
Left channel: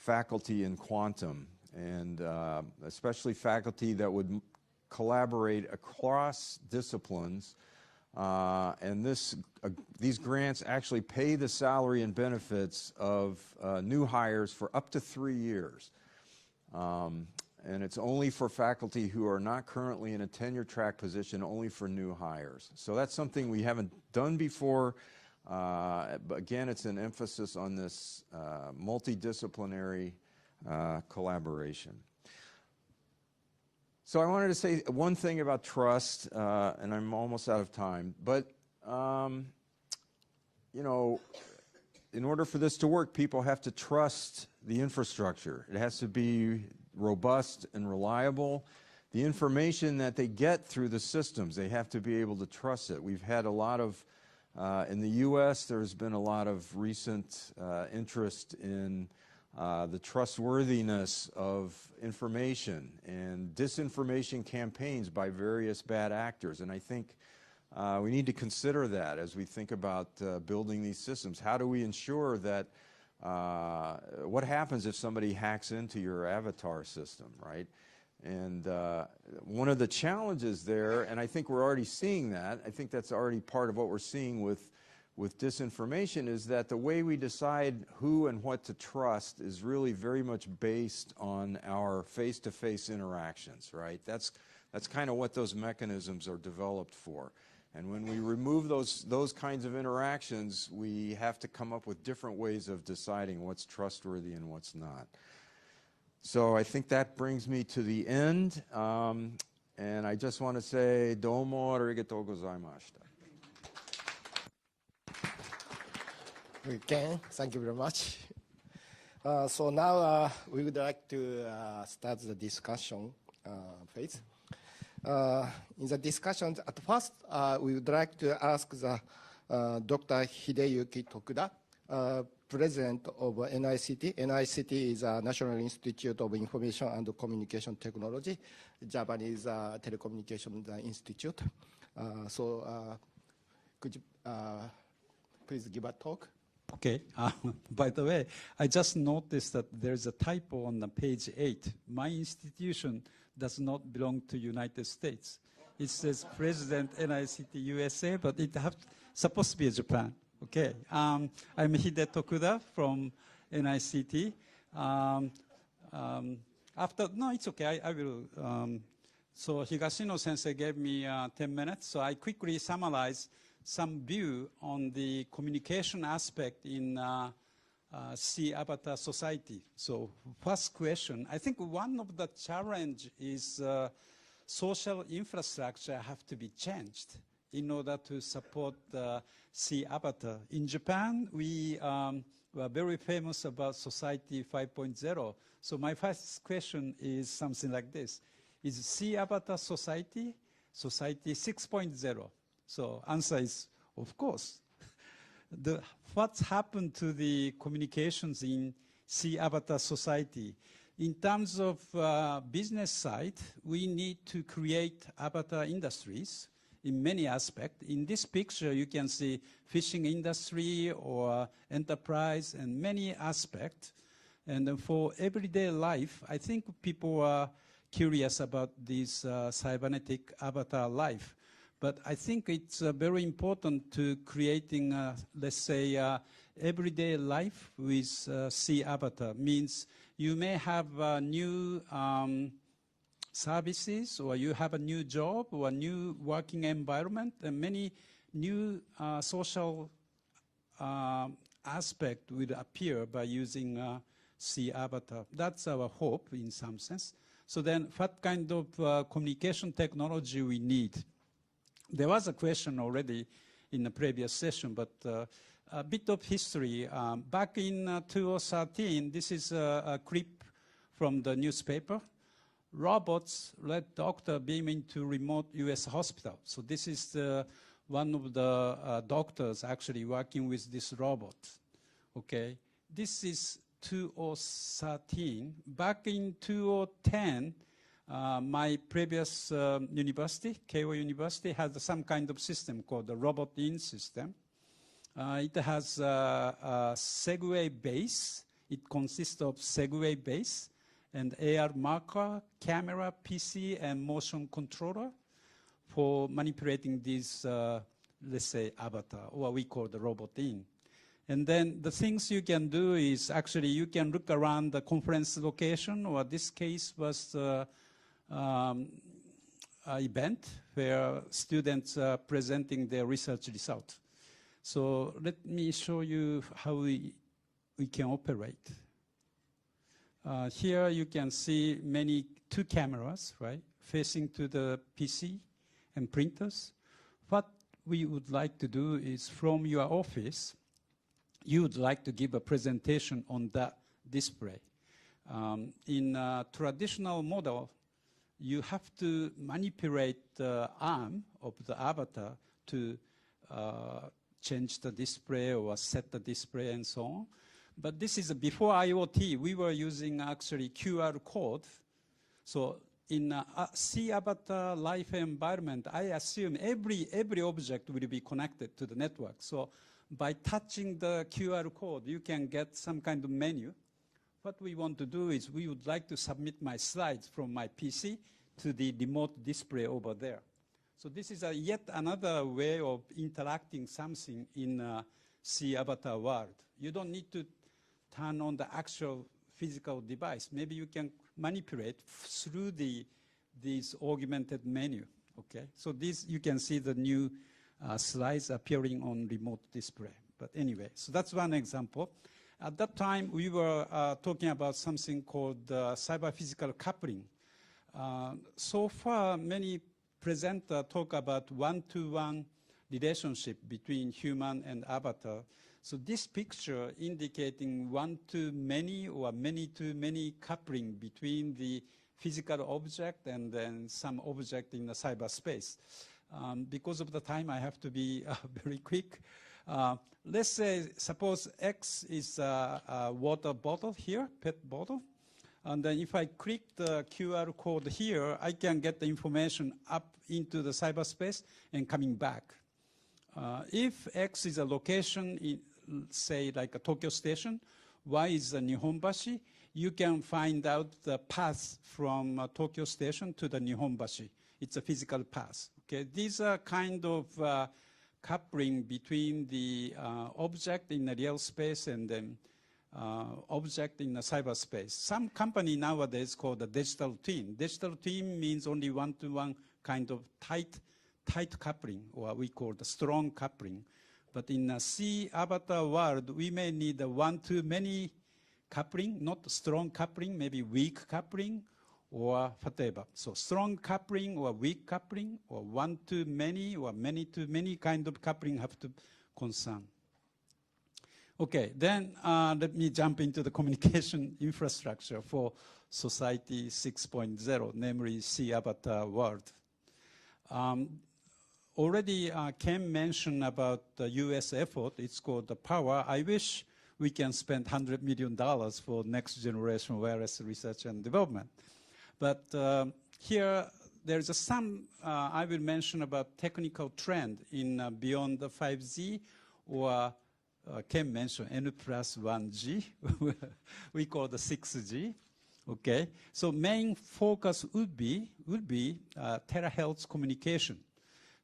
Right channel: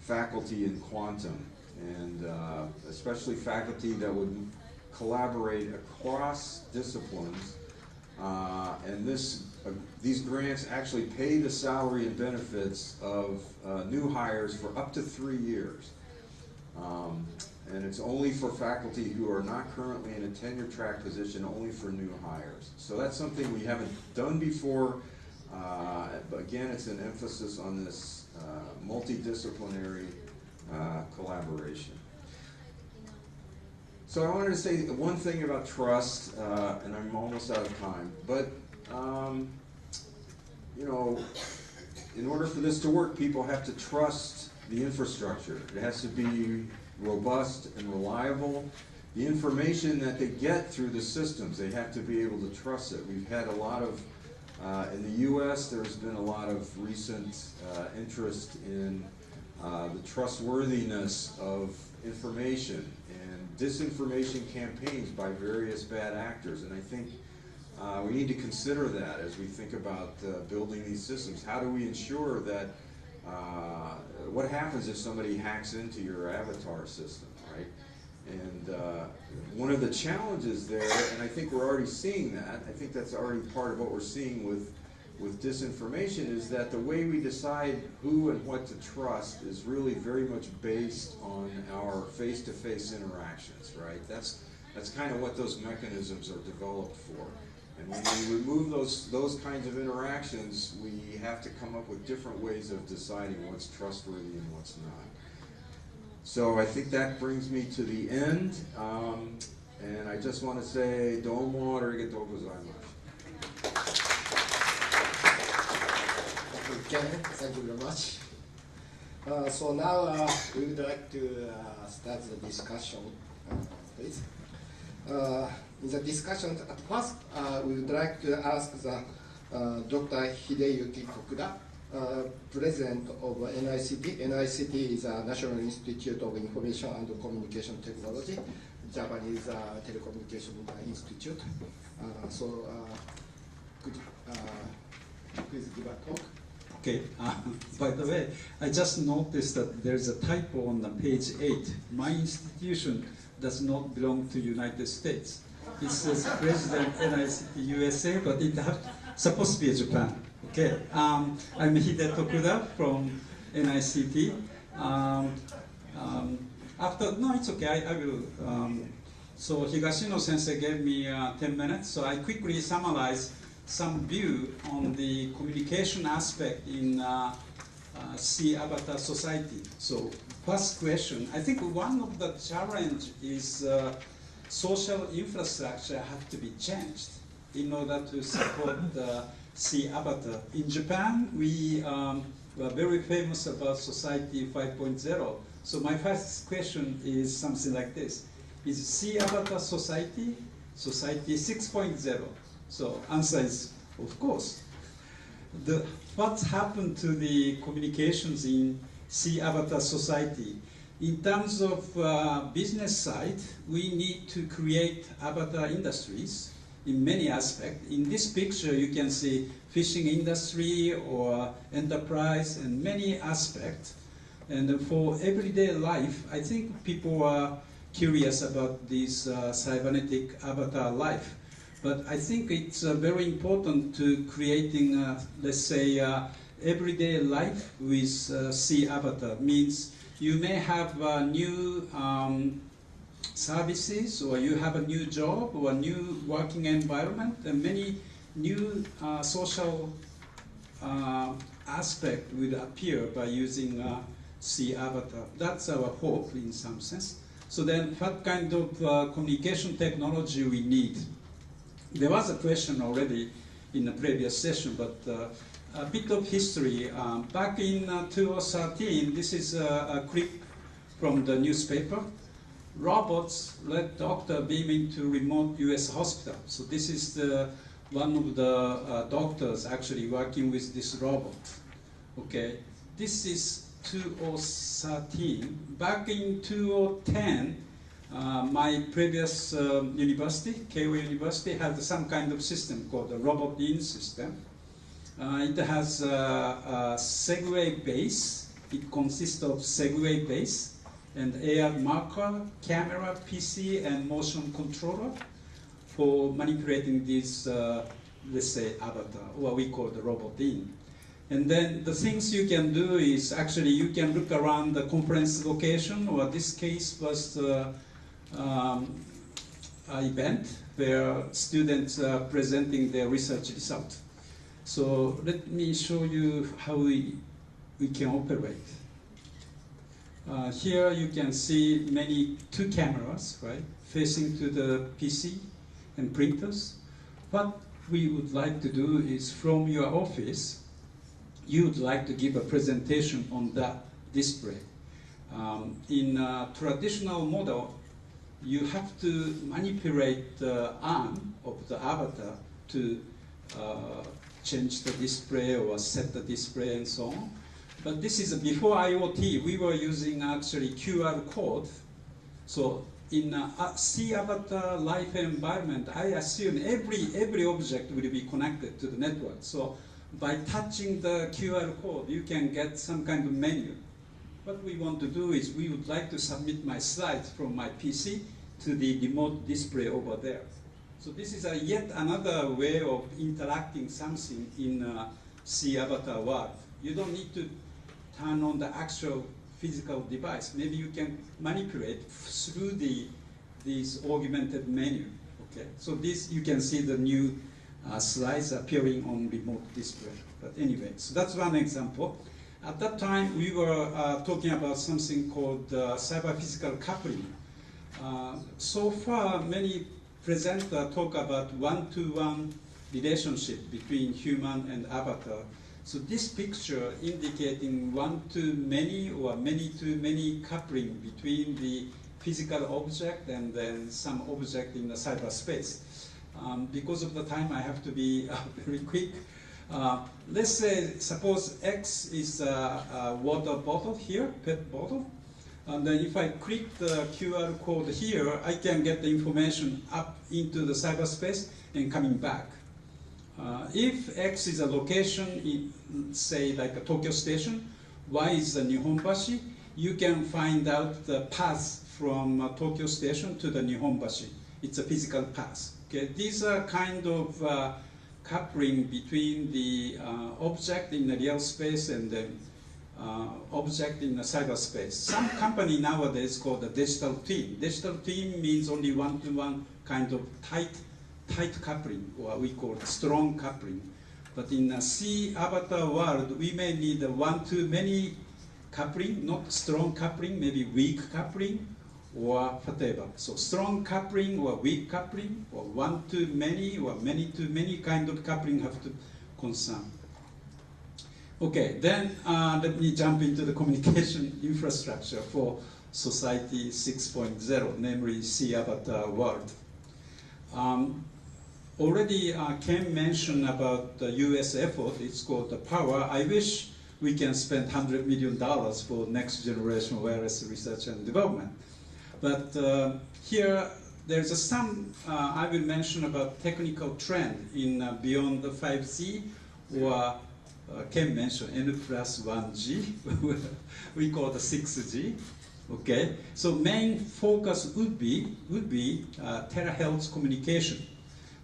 faculty in quantum, and especially faculty that would collaborate across disciplines. And this these grants actually pay the salary and benefits of new hires for up to 3 years. And it's only for faculty who are not currently in a tenure track position, only for new hires. So that's something we haven't done before. But again, it's an emphasis on this multidisciplinary collaboration. So I wanted to say one thing about trust, and I'm almost out of time, but you know, in order for this to work, people have to trust the infrastructure. It has to be robust and reliable. The information that they get through the systems, they have to be able to trust it. We've had a lot of, in the US, there's been a lot of recent interest in the trustworthiness of information and disinformation campaigns by various bad actors. And I think we need to consider that as we think about building these systems. How do we ensure that, what happens if somebody hacks into your avatar system, right? And one of the challenges there, and I think we're already seeing that, I think that's already part of what we're seeing with disinformation, is that the way we decide who and what to trust is really very much based on our face-to-face interactions, right? That's kind of what those mechanisms are developed for. And when we remove those kinds of interactions, we have to come up with different ways of deciding what's trustworthy and what's not. So I think that brings me to the end. And I just want to say, domo arigatou gozaimasu. Ken, thank you very much. So now we would like to start the discussion phase. In the discussion, at first, we would like to ask the Dr. Hideyuki TOKUDA, President of NICT. NICT is a National Institute of Information and Communication Technology, Japanese Telecommunication Institute. So could you please give a talk? Okay, by the way, I just noticed that there's a typo on the page 8. My institution does not belong to United States. It says President NICT USA, but it supposed to be Japan. Okay, I'm Hide TOKUDA from NICT. No, it's okay, I will. So Higashino sensei gave me 10 minutes, so I quickly summarize some view on the communication aspect in C-Avatar society. So first question, I think one of the challenge is social infrastructure have to be changed in order to support the C-Avatar. In Japan, we were very famous about Society 5.0. So my first question is something like this. Is C-Avatar society, Society 6.0? So answer is, of course. What happened to the communications in C-Avatar society? In terms of business side, we need to create avatar industries in many aspects. In this picture, you can see fishing industry or enterprise and many aspects. And for everyday life, I think people are curious about this cybernetic avatar life. But I think it's very important to creating, let's say, everyday life with C-Avatar. Means you may have new services, or you have a new job, or a new working environment, and many new social aspects will appear by using C-Avatar. That's our hope in some sense. So then what kind of communication technology we need? There was a question already in the previous session, but a bit of history. Back in 2013, this is a clip from the newspaper. Robots let doctor beam into remote US hospital. So this is one of the doctors actually working with this robot. Okay, this is 2013. Back in 2010, my previous university, Keio University, had some kind of system called the robot-in system. It has a Segway base. It consists of Segway base and AR marker, camera, PC, and motion controller for manipulating this let's say, avatar, what we call the robot in. And then the things you can do is actually you can look around the conference location, or this case was the event where students are presenting their research result. So let me show you how we can operate. Here you can see two cameras, right, facing to the PC and printers. What we would like to do is from your office, you would like to give a presentation on that display. In a traditional model, you have to manipulate the arm of the avatar to change the display or set the display and so on. But this is before IoT. We were using actually QR code. So in a C avatar life environment, I assume every object will be connected to the network. So by touching the QR code, you can get some kind of menu. What we want to do is we would like to submit my slides from my PC to the remote display over there. So this is yet another way of interacting something in a C avatar world. You don't need to turn on the actual physical device. Maybe you can manipulate through this augmented menu. Okay, so this you can see the new slides appearing on remote display. But anyway, so that's one example. At that time, we were talking about something called cyber-physical coupling. So far, many presenters talk about one-to-one relationship between human and avatar. So this picture indicating one-to-many or many-to-many coupling between the physical object and then some object in the cyberspace. Because of the time, I have to be very quick. Let's say, suppose X is a water bottle here, PET bottle. And then if I click the QR code here, I can get the information up into the cyberspace and coming back. If X is a location in, say, like a Tokyo station, Y is a Nihonbashi, you can find out the path from Tokyo station to the Nihonbashi. It's a physical path. Okay? These are kind of coupling between the object in the real space and the object in the cyberspace. Some company nowadays called the digital twin. Digital twin means only one-to-one kind of tight coupling, or we call it strong coupling. But in a C avatar world, we may need a one-to-many coupling, not strong coupling, maybe weak coupling, or whatever. So strong coupling or weak coupling, or one-to-many or many-to-many kind of coupling have to concern. Okay, then let me jump into the communication infrastructure for Society 6.0, namely C avatar world. Already Ken mentioned about the US effort, it's called the POWER. I wish we can spend $100 million for next generation wireless research and development. But here, there's some, I will mention about technical trend in beyond the 5G, or Ken mentioned N+1G, we call the 6G. Okay, so main focus would be terahertz communication.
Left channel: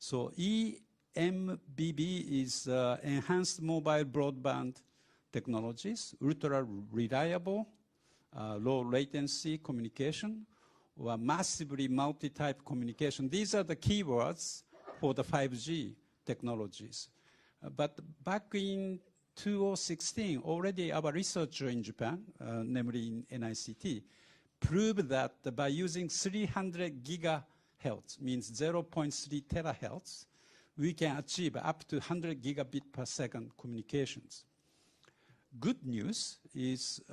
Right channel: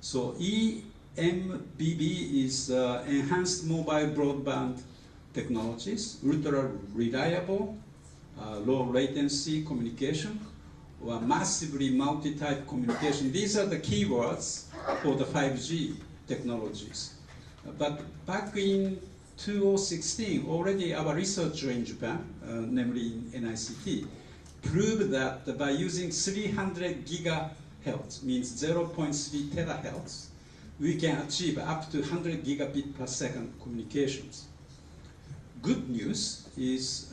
So EMBB is enhanced mobile broadband technologies, ultra reliable, low latency communication, or massively multi-type communication. These are the keywords for the 5G technologies. But back in 2016, already our researcher in Japan, namely in NICT, proved that by using 300 gigahertz, means 0.3 terahertz, we can achieve up to 100 gigabit per second communications. Good news is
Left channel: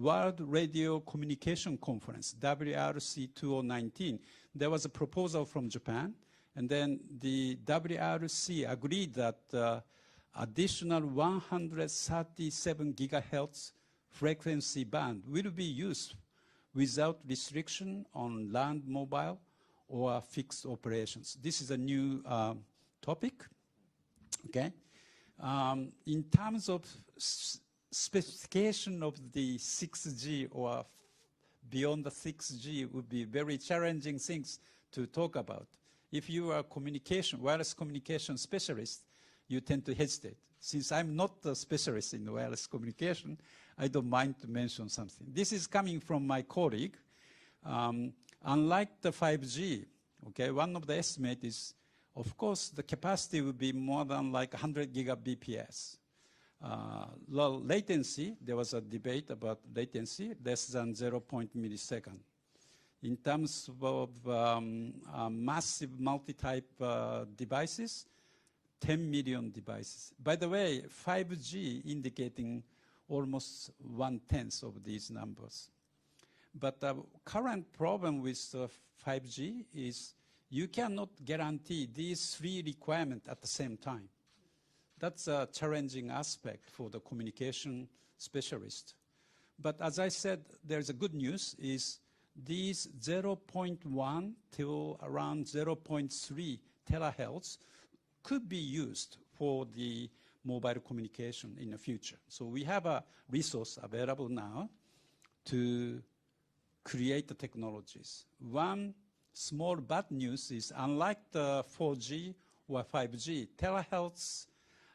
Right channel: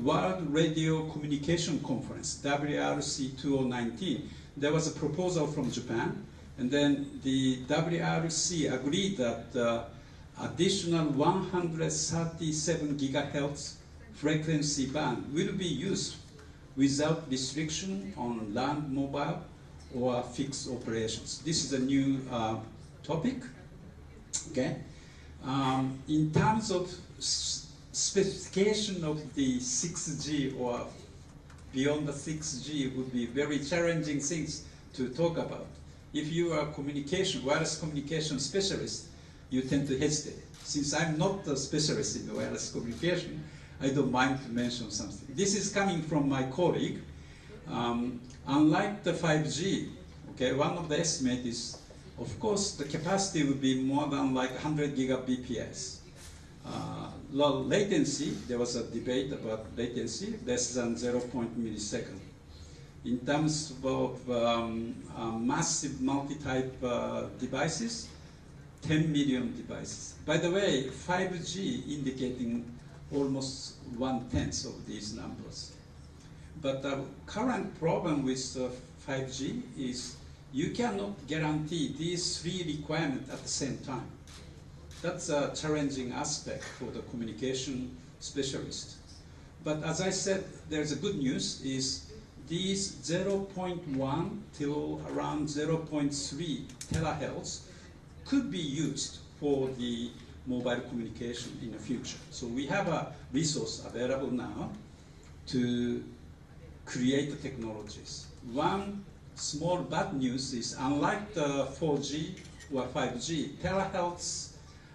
World Radio Communication Conference, WRC 2019. There was a proposal from Japan, and then the WRC agreed that additional 137 gigahertz frequency band will be used without restriction on land mobile or fixed operations. This is a new topic. Okay. In terms of specification of the 6G or beyond the 6G would be very challenging things to talk about. if you are a wireless communication specialist, you tend to hesitate. Since I'm not a specialist in wireless communication, I don't mind to mention something. This is coming from my colleague. Unlike the 5G, okay, one of the estimates is, of course, the capacity would be more than like 100 gigabps. Low latency, there was a debate about latency, less than 0. millisecond. In terms of massive multi-type devices, 10 million devices. By the way, 5G indicating almost 1/10 of these numbers. But the current problem with 5G is you cannot guarantee these three requirements at the same time. That's a challenging aspect for the communication specialist. But as I said, there's a good news is these 0.1 till around 0.3 terahertz could be used for the mobile communication in the future. So we have a resource available now to create the technologies. One small bad news is unlike the 4G or 5G, terahertz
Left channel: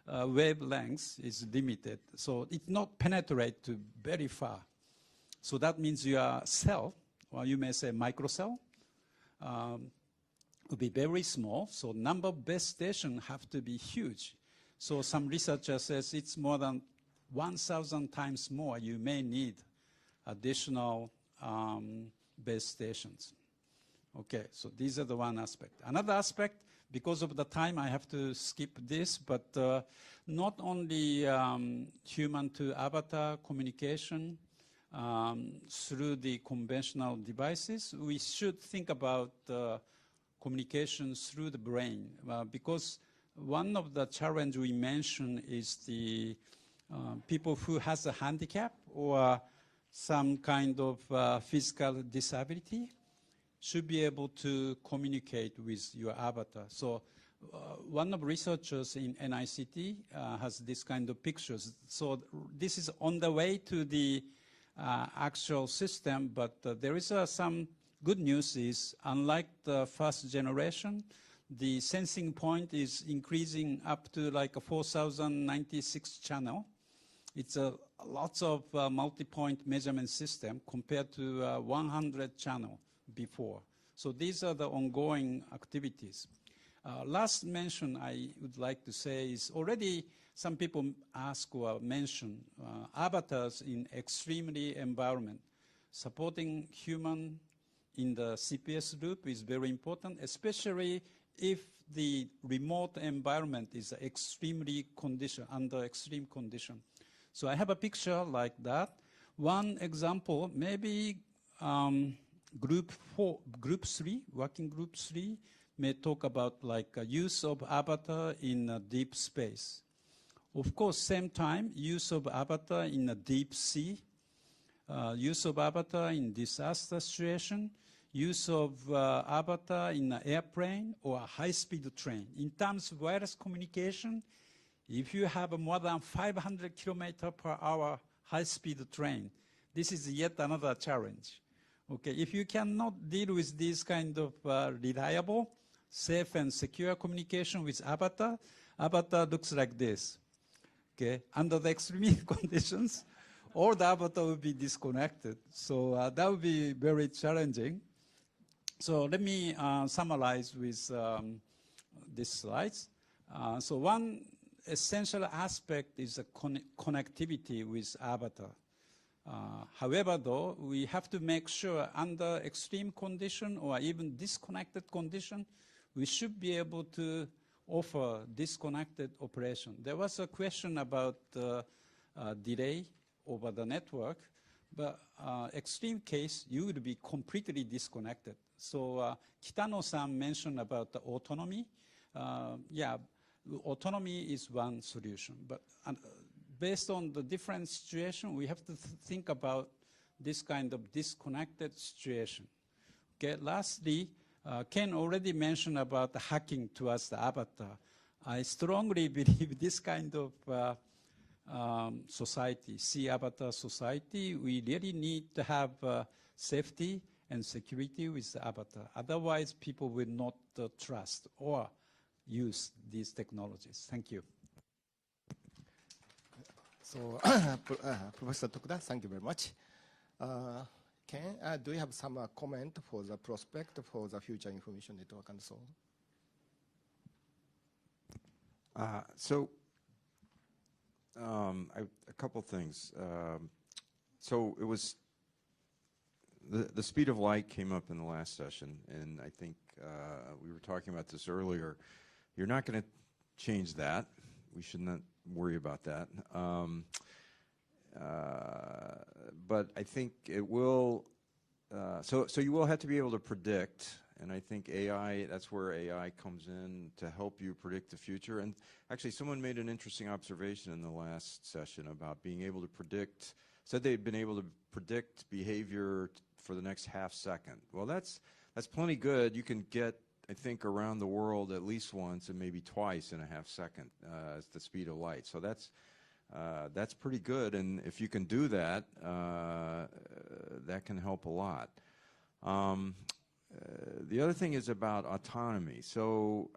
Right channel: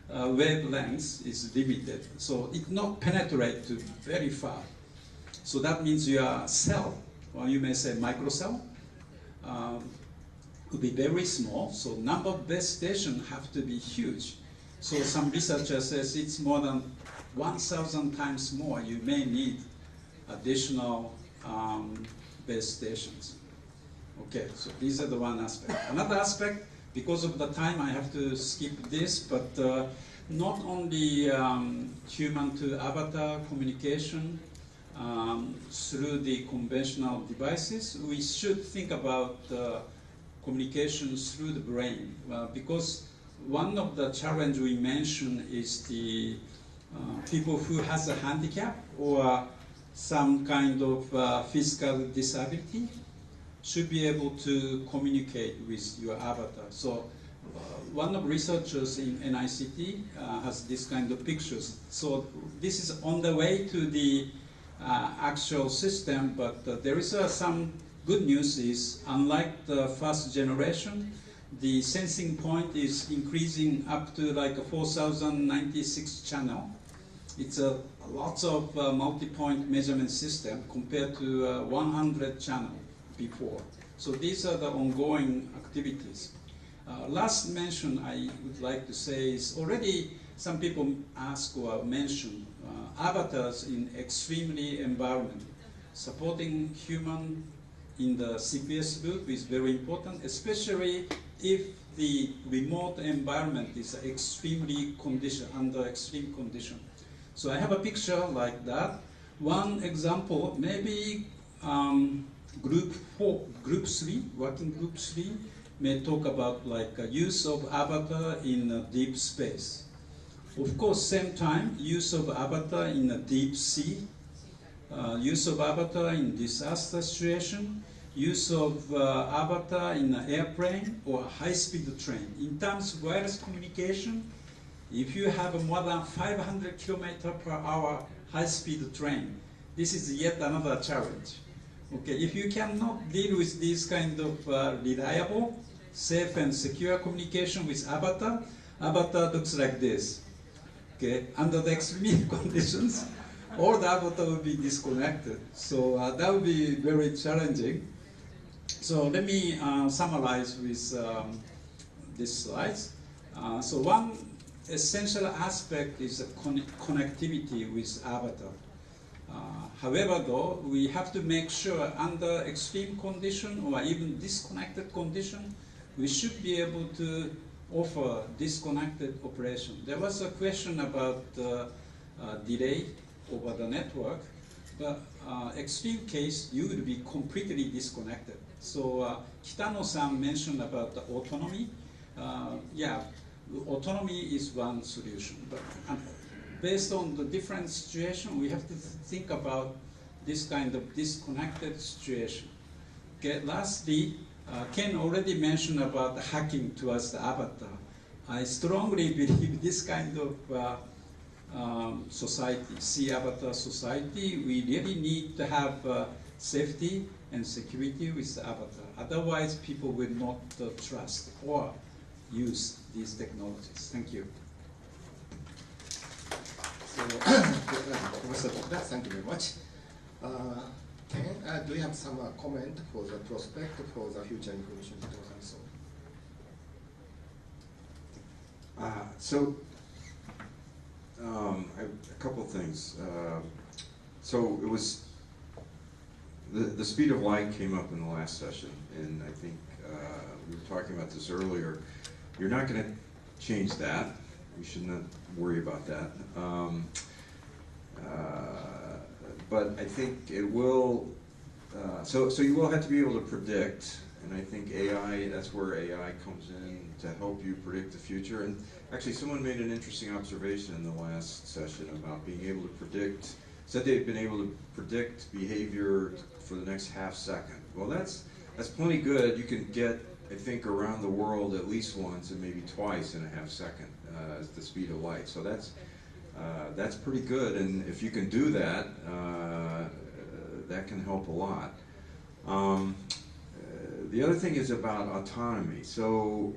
wavelength is limited. So it not penetrate to very far. So that means your cell, or you may say microcell, could be very small. So number of base stations have to be huge. So some researcher says it's more than 1,000 times more. You may need additional base stations. Okay, so these are the one aspect. Another aspect, because of the time I have to skip this, but not only human to avatar communication through the conventional devices, we should think about communications through the brain, because one of the challenge we mentioned is the people who has a handicap or some kind of physical disability should be able to communicate with your avatar. So one of researchers in NICT has this kind of pictures. So this is on the way to the actual system, but there is some good news is, unlike the first generation, the sensing point is increasing up to like a 4,096 channel. It's a lots of multi-point measurement system compared to 100 channel before. So these are the ongoing activities. Last mention I would like to say is already some people ask or mention avatars in extremely environment. Supporting human in the CPS loop is very important, especially if the remote environment is extremely under extreme condition. So I have a picture like that. One example, maybe group 3, working group 3, may talk about like use of avatar in deep space. Of course, same time, use of avatar in a deep sea, use of avatar in disaster situation, use of avatar in an airplane or high-speed train. In terms of wireless communication, if you have a more than 500 km/h high-speed train, this is yet another challenge. Okay, if you cannot deal with this kind of reliable, safe and secure communication with avatar, avatar looks like this. Okay, under the extreme conditions, all the avatar will be disconnected. So that would be very challenging. So let me summarize with these slides. So one essential aspect is the connectivity with avatar. However, though, we have to make sure under extreme condition or even disconnected condition, we should be able to offer disconnected operation. There was a question about delay over the network, but extreme case, you will be completely disconnected. So Kitano-san mentioned about the autonomy. Yeah, autonomy is one solution, but based on the different situation, we have to think about this kind of disconnected situation. Okay, lastly, Ken already mentioned about hacking towards the avatar. I strongly believe this kind of society, C-avatar society, we really need to have safety and security with the avatar. Otherwise, people will not trust or use these technologies. Thank you. So, Professor Tokuda, thank you very much. Ken, do you have some comment for the prospect for the future information digital council? I have a couple things. So it was, the speed of light came up in the last session, and I think we were talking about this earlier. You're not going to change that. We should not worry about that. But I think it will, so you will have to be able to predict, and I think AI, that's where AI comes in to help you predict the future. And actually, someone made an interesting observation in the last session about being able to predict, said they've been able to predict behavior for the next half second. Well, that's plenty good. You can get, I think, around the world at least once and maybe twice in a half second as the speed of light. So that's pretty good, and if you can do that, that can help a lot. The other thing is about autonomy. So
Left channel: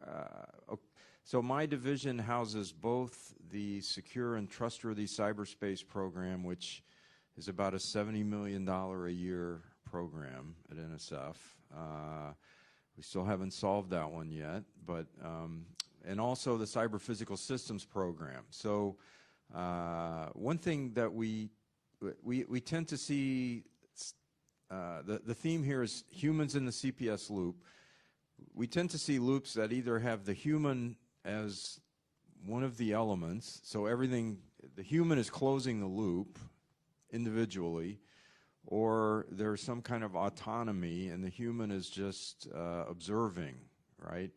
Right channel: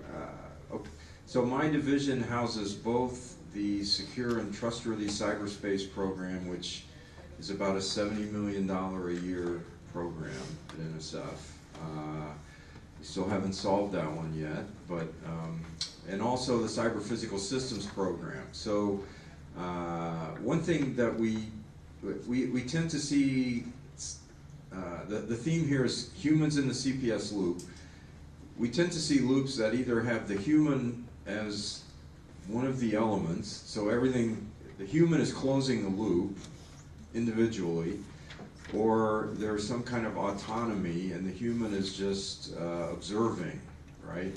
my division houses both the Secure and Trustworthy Cyberspace program, which is about a $70 million a year program at NSF. We still haven't solved that one yet, but and also the Cyber Physical Systems program. So one thing that we tend to see, the theme here is humans in the CPS loop. We tend to see loops that either have the human as one of the elements, so everything, the human is closing the loop individually, or there's some kind of autonomy and the human is just observing, right?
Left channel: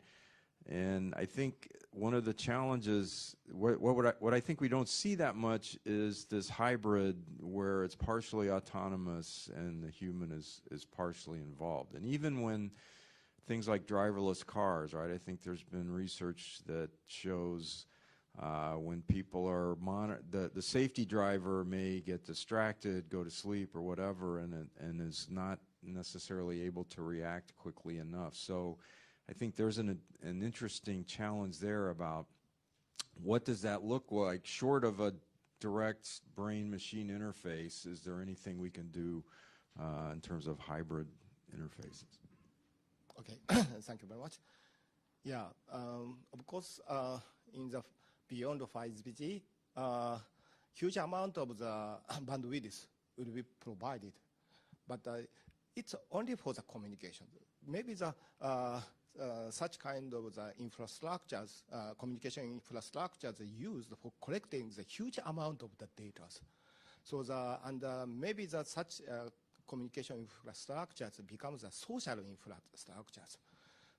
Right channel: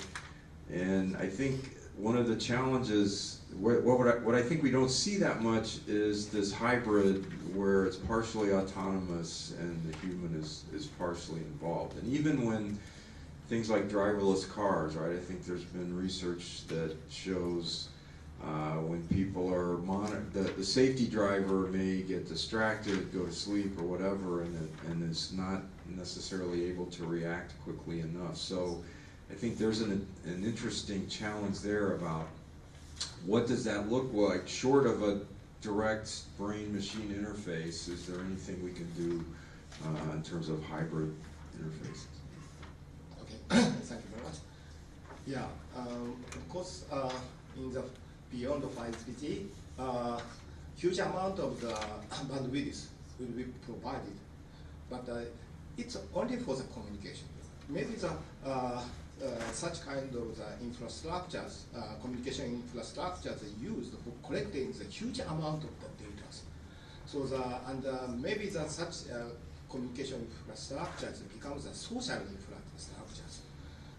And I think one of the challenges, what I think we don't see that much is this hybrid where it's partially autonomous and the human is partially involved. And even when things like driverless cars, right? I think there's been research that shows when people are the safety driver may get distracted, go to sleep or whatever, and is not necessarily able to react quickly enough. So I think there's an interesting challenge there about what does that look like short of a direct brain-machine interface. Is there anything we can do in terms of hybrid interfaces? Okay, thank you very much. Yeah, of course, in the beyond the 5G, huge amount of the bandwidth will be provided, but it's only for the communication. Maybe the such kind of the infrastructures, communication infrastructures used for collecting the huge amount of the data. So maybe such communication infrastructures becomes a social infrastructures.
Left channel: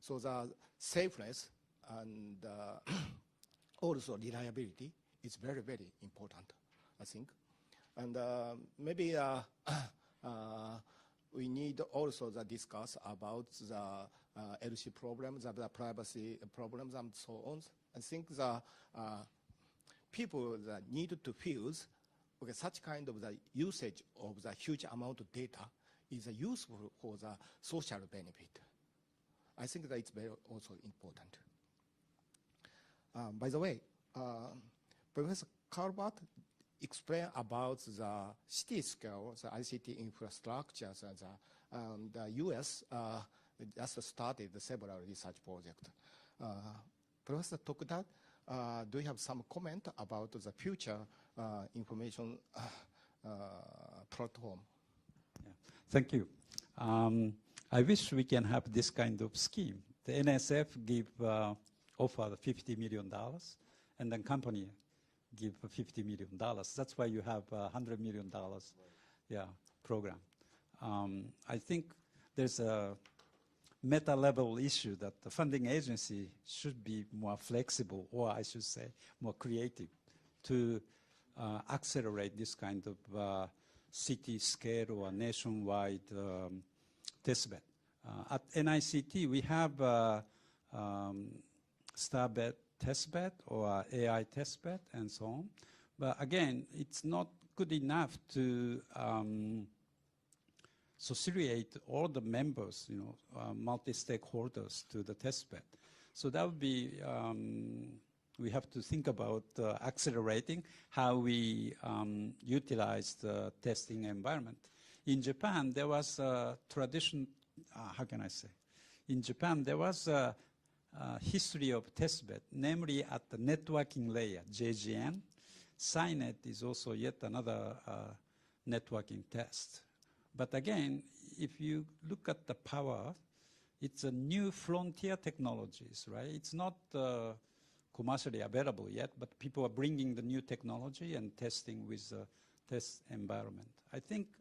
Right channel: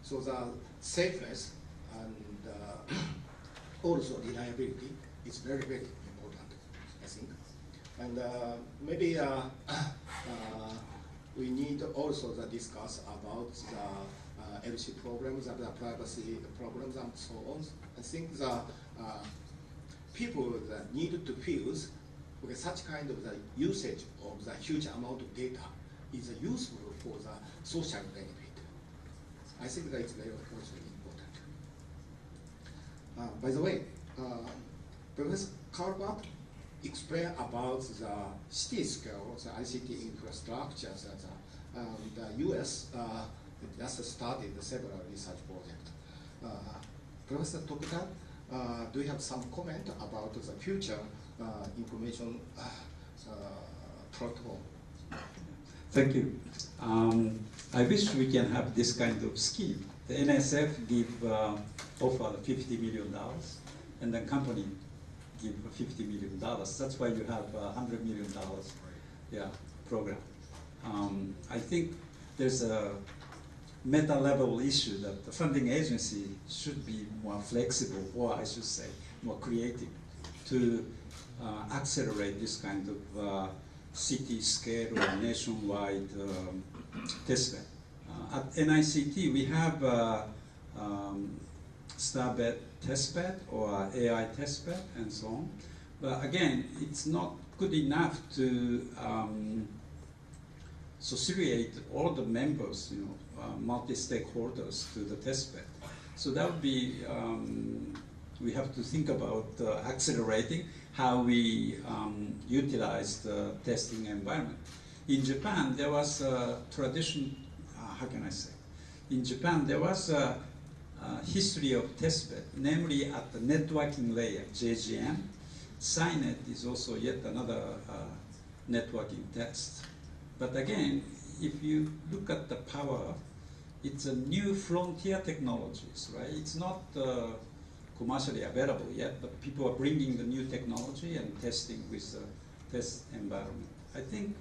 So the safeness and also reliability is very, very important, I think. And maybe we need also to discuss about the LC problems and the privacy problems and so on. I think the people that need to fuse with such kind of the usage of the huge amount of data is useful for the social benefit. I think that is very also important. By the way, Professor Calvert explained about the city scale, the ICT infrastructures. The US just started several research projects. Professor Tokuda, do you have some comment about the future information protocol? Thank you. I wish we can have this kind of scheme. The NSF offered $50 million, and the company give $50 million. That's why you have $100 million program. I think there's a meta-level issue that the funding agency should be more flexible, or I should say, more creative, to accelerate this kind of city scale or nationwide testbed. At NICT, we have Starbed testbed or AI testbed and so on. But again, it's not good enough to associate all the members, multi-stakeholders to the testbed. So that would be, we have to think about accelerating how we utilize the testing environment. In Japan, there was a tradition, how can I say? In Japan, there was a history of testbed, namely at the networking layer, JGM. SciNet is also yet another networking test. But again, if you look at the power, it's a new frontier technologies, right? It's not commercially available yet, but people are bringing the new technology and testing with the test environment. I think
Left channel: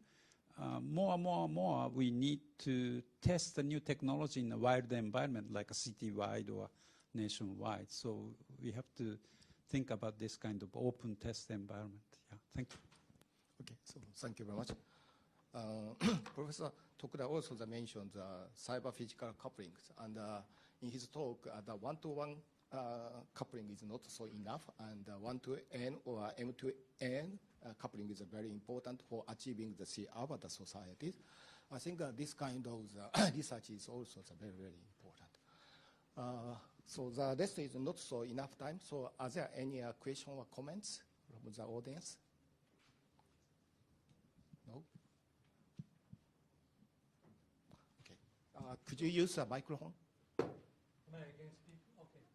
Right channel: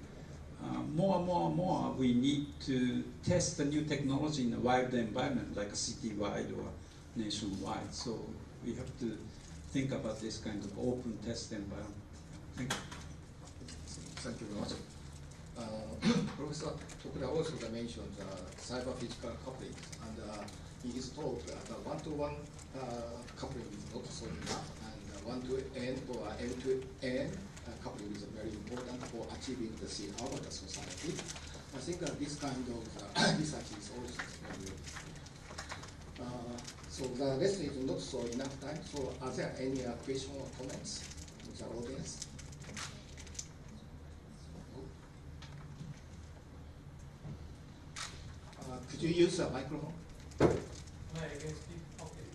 more and more we need to test the new technology in a wider environment, like a city-wide or nationwide. So we have to think about this kind of open test environment. Yeah, thank you. Thank you very much. Professor Tokuda also mentioned cyber-physical coupling, and in his talk, the one-to-one coupling is not so enough, and one-to-N or M-to-N coupling is very important for achieving the Avatar society. I think that this kind of research is also very good. So the lesson is not so enough time, so are there any questions or comments from the audience? Could you use a microphone? Hi, I can speak. Okay.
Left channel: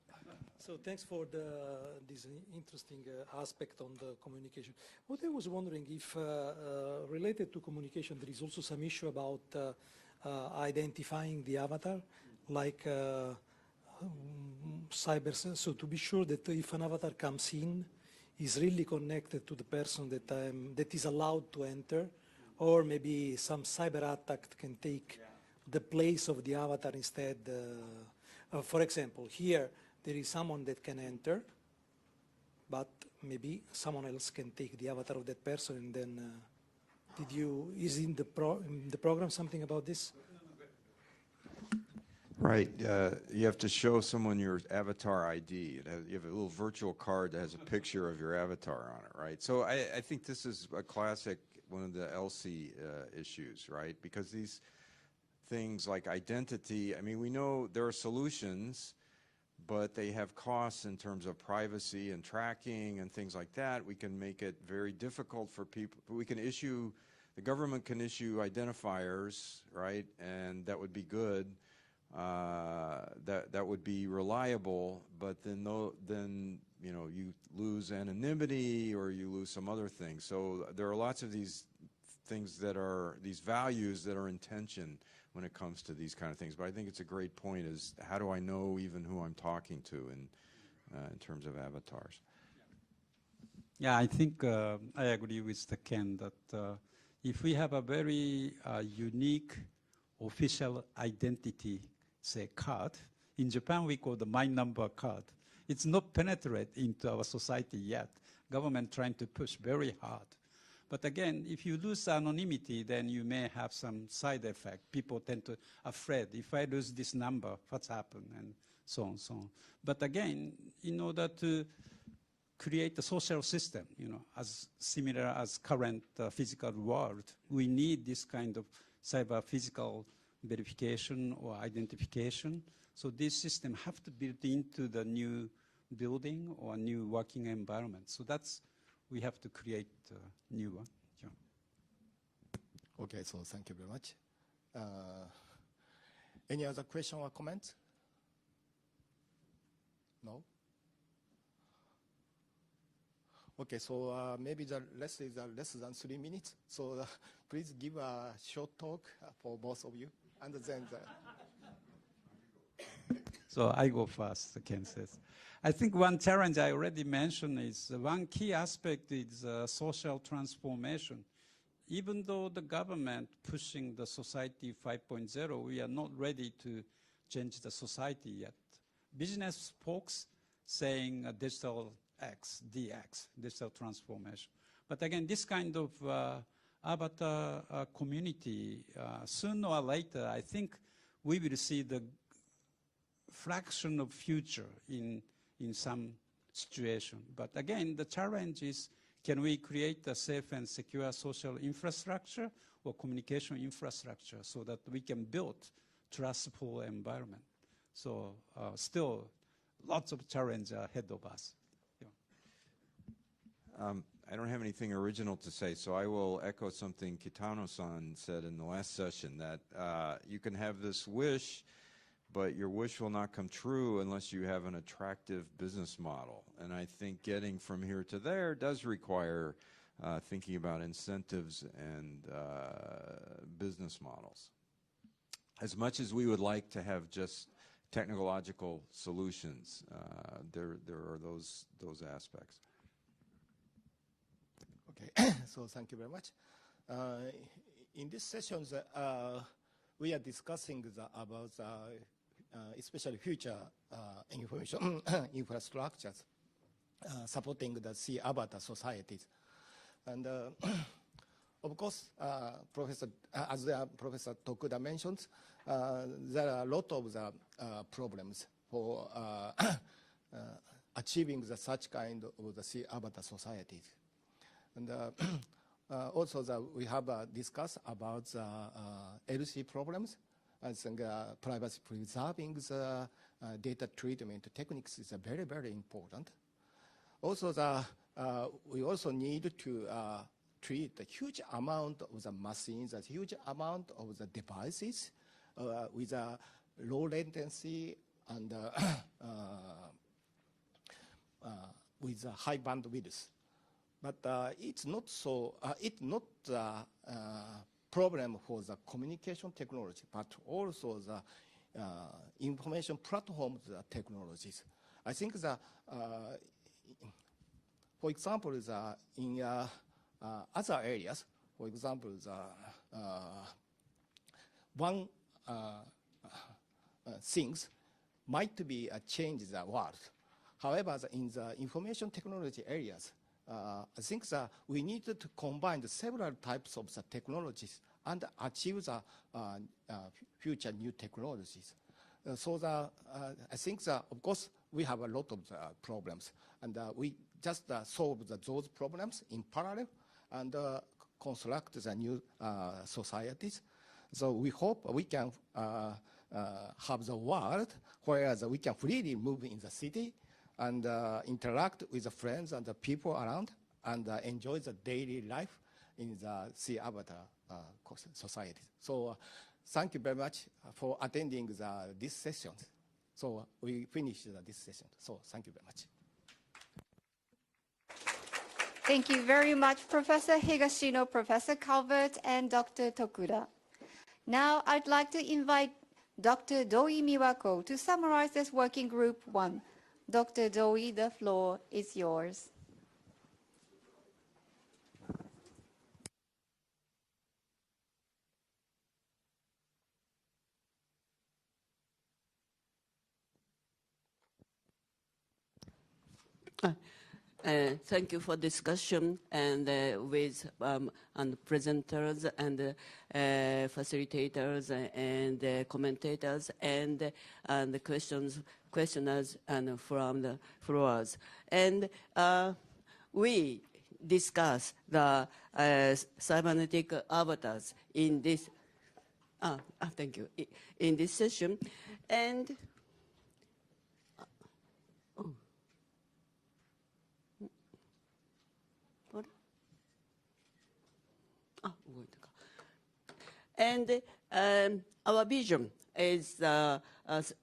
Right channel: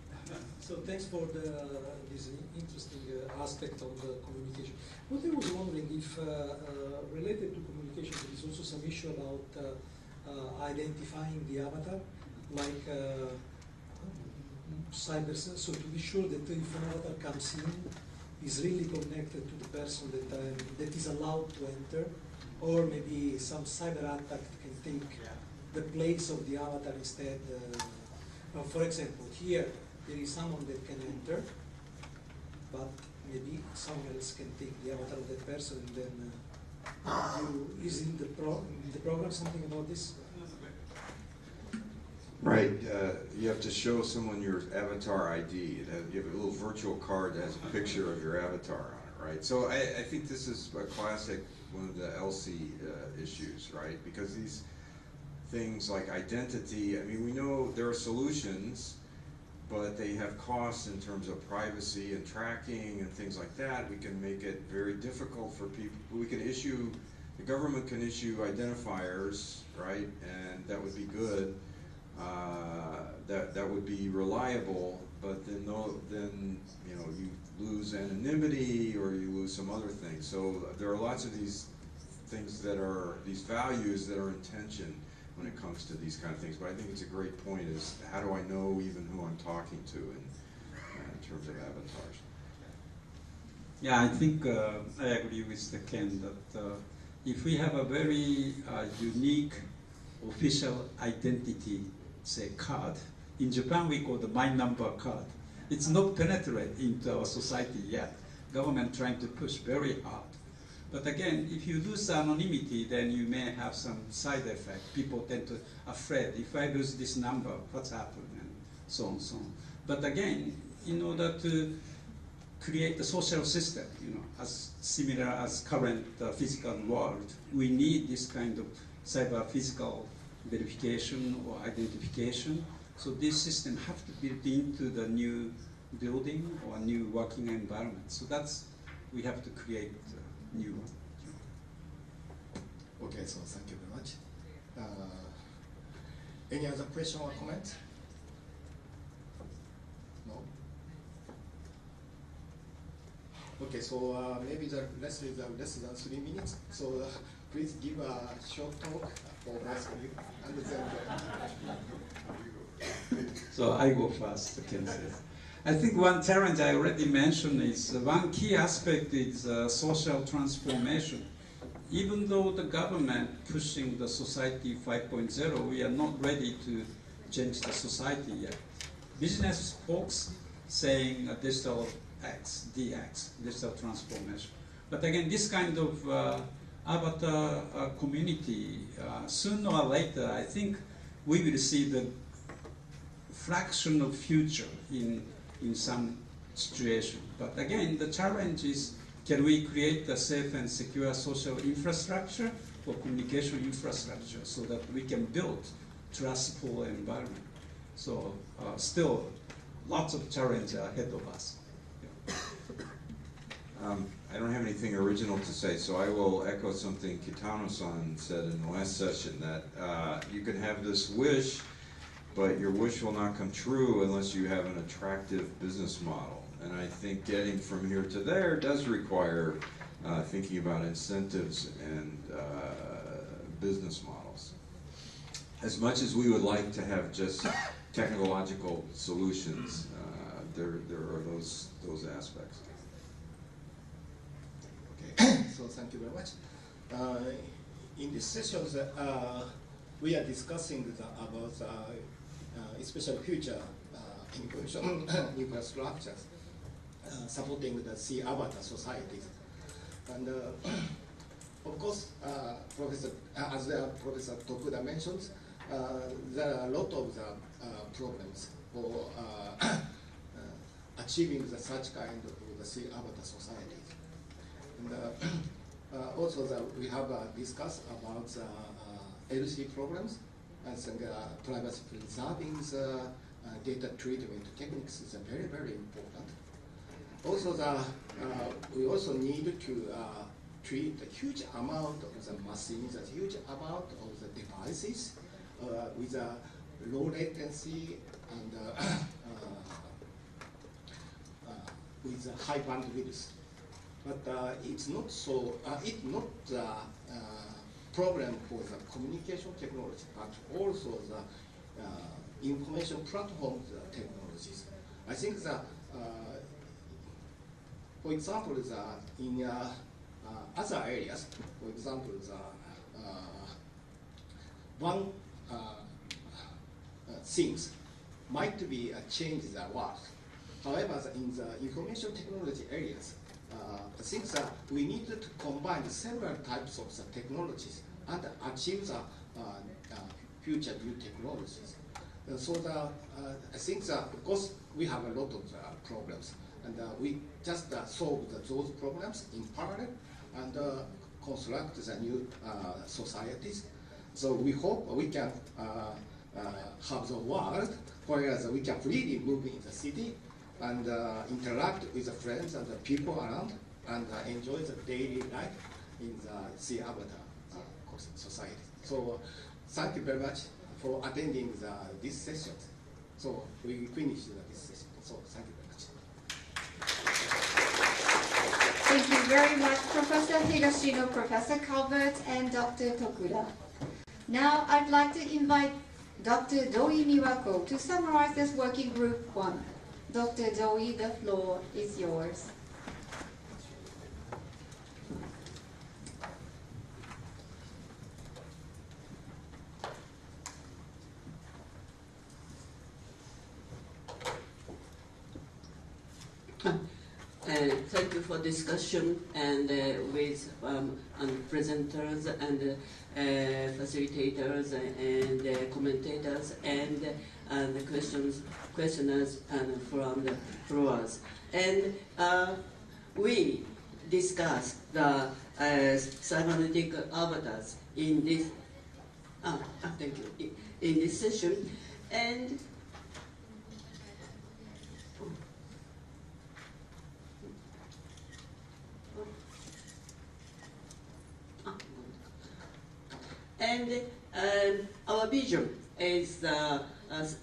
So thanks for this interesting aspect of the communication. What I was wondering if, related to communication, there is also some issue about identifying the avatar, like cyber. So to be sure that if an avatar comes in, is really connected to the person that is allowed to enter, or maybe some cyber attack can take the place of the avatar instead. For example, here there is someone that can enter, but maybe someone else can take the avatar of that person, and then is in the program something about this? Right, you have to show someone your avatar ID. You have a little virtual card that has a picture of your avatar on it, right? So I think this is a classic, one of the LC issues, right? Because these things like identity, I mean, we know there are solutions, but they have costs in terms of privacy and tracking and things like that. We can make it very difficult for people. We can issue, the government can issue identifiers, right? And that would be good. That would be reliable, but then you lose anonymity or you lose some other things. So there are lots of these things that are, these values that are in tension when it comes to these kind of things. But I think it's a great point, is how do I know even who I'm talking to in terms of avatars? Yeah, I think I agree with Ken that if we have a very unique official identity, say card, in Japan we call the my number card. It's not penetrated into our society yet. Government trying to push very hard. But again, if you lose anonymity, then you may have some side effect. People tend to afraid, if I lose this number, what's happened, and so on, so on. But again, in order to create a social system, as similar as current physical world, we need this kind of cyber physical verification or identification. So this system have to be built into the new building or new working environment. So we have to create new one. Okay, so thank you very much. Any other question or comment? No? Okay, so maybe the lesson is less than 3 minutes. So please give a short talk for both of you. And then So I go first, Ken says. I think one challenge I already mentioned is one key aspect is social transformation. Even though the government pushing the society 5.0, we are not ready to change the society yet. Business folks saying digital X, DX, digital transformation. But again, this kind of avatar community, sooner or later, I think we will see the fraction of future in some situation. But again, the challenge is, can we create a safe and secure social infrastructure for communication infrastructure so that we can build trustful environment. So still lots of challenge ahead of us. I don't have anything original to say, so I will echo something Kitano-san said in the last session, that you can have this wish, but your wish will not come true unless you have an attractive business model. And I think getting from here to there does require thinking about incentives and business models. As much as we would like to have just technological solutions, there are those aspects. Okay, so thank you very much. In this session, we are discussing about especially future information infrastructures supporting the sea avatar societies. And of course, as Professor Tokuda mentioned, there are a lot of the problems for achieving such kind of the sea avatar societies. And also we have discussed about LC problems. I think privacy preserving data treatment techniques is very, very important. Also, we also need to treat a huge amount of the machines, a huge amount of the devices with a low latency and with a high bandwidth. But it's not so. It's not the problem for the communication technology, but also the information platform technologies. I think that, for example, in other areas, for example, one things might be change the world. However, in the information technology areas, I think that we need to combine several types of the technologies and achieve the future new technologies. So I think that, of course, we have a lot of problems, and we just solve those problems in parallel and construct the new societies. So we hope we can have the world where we can freely move in the city and interact with the friends and the people around and enjoy the daily life in the sea avatar society. So thank you very much for attending this session. So we finished this session. So thank you very much. Thank you very much, Professor Higashino, Professor Calvert, and Dr. Tokuda. Now I'd like to invite Dr. DOI Miwako to summarize this working group 1. Dr. DOI, the floor is yours. Thank you for discussion and with presenters and facilitators and commentators and questioners and from the floors. And we discuss the cybernetic avatars in this. Thank you. In this session, and. And our vision is a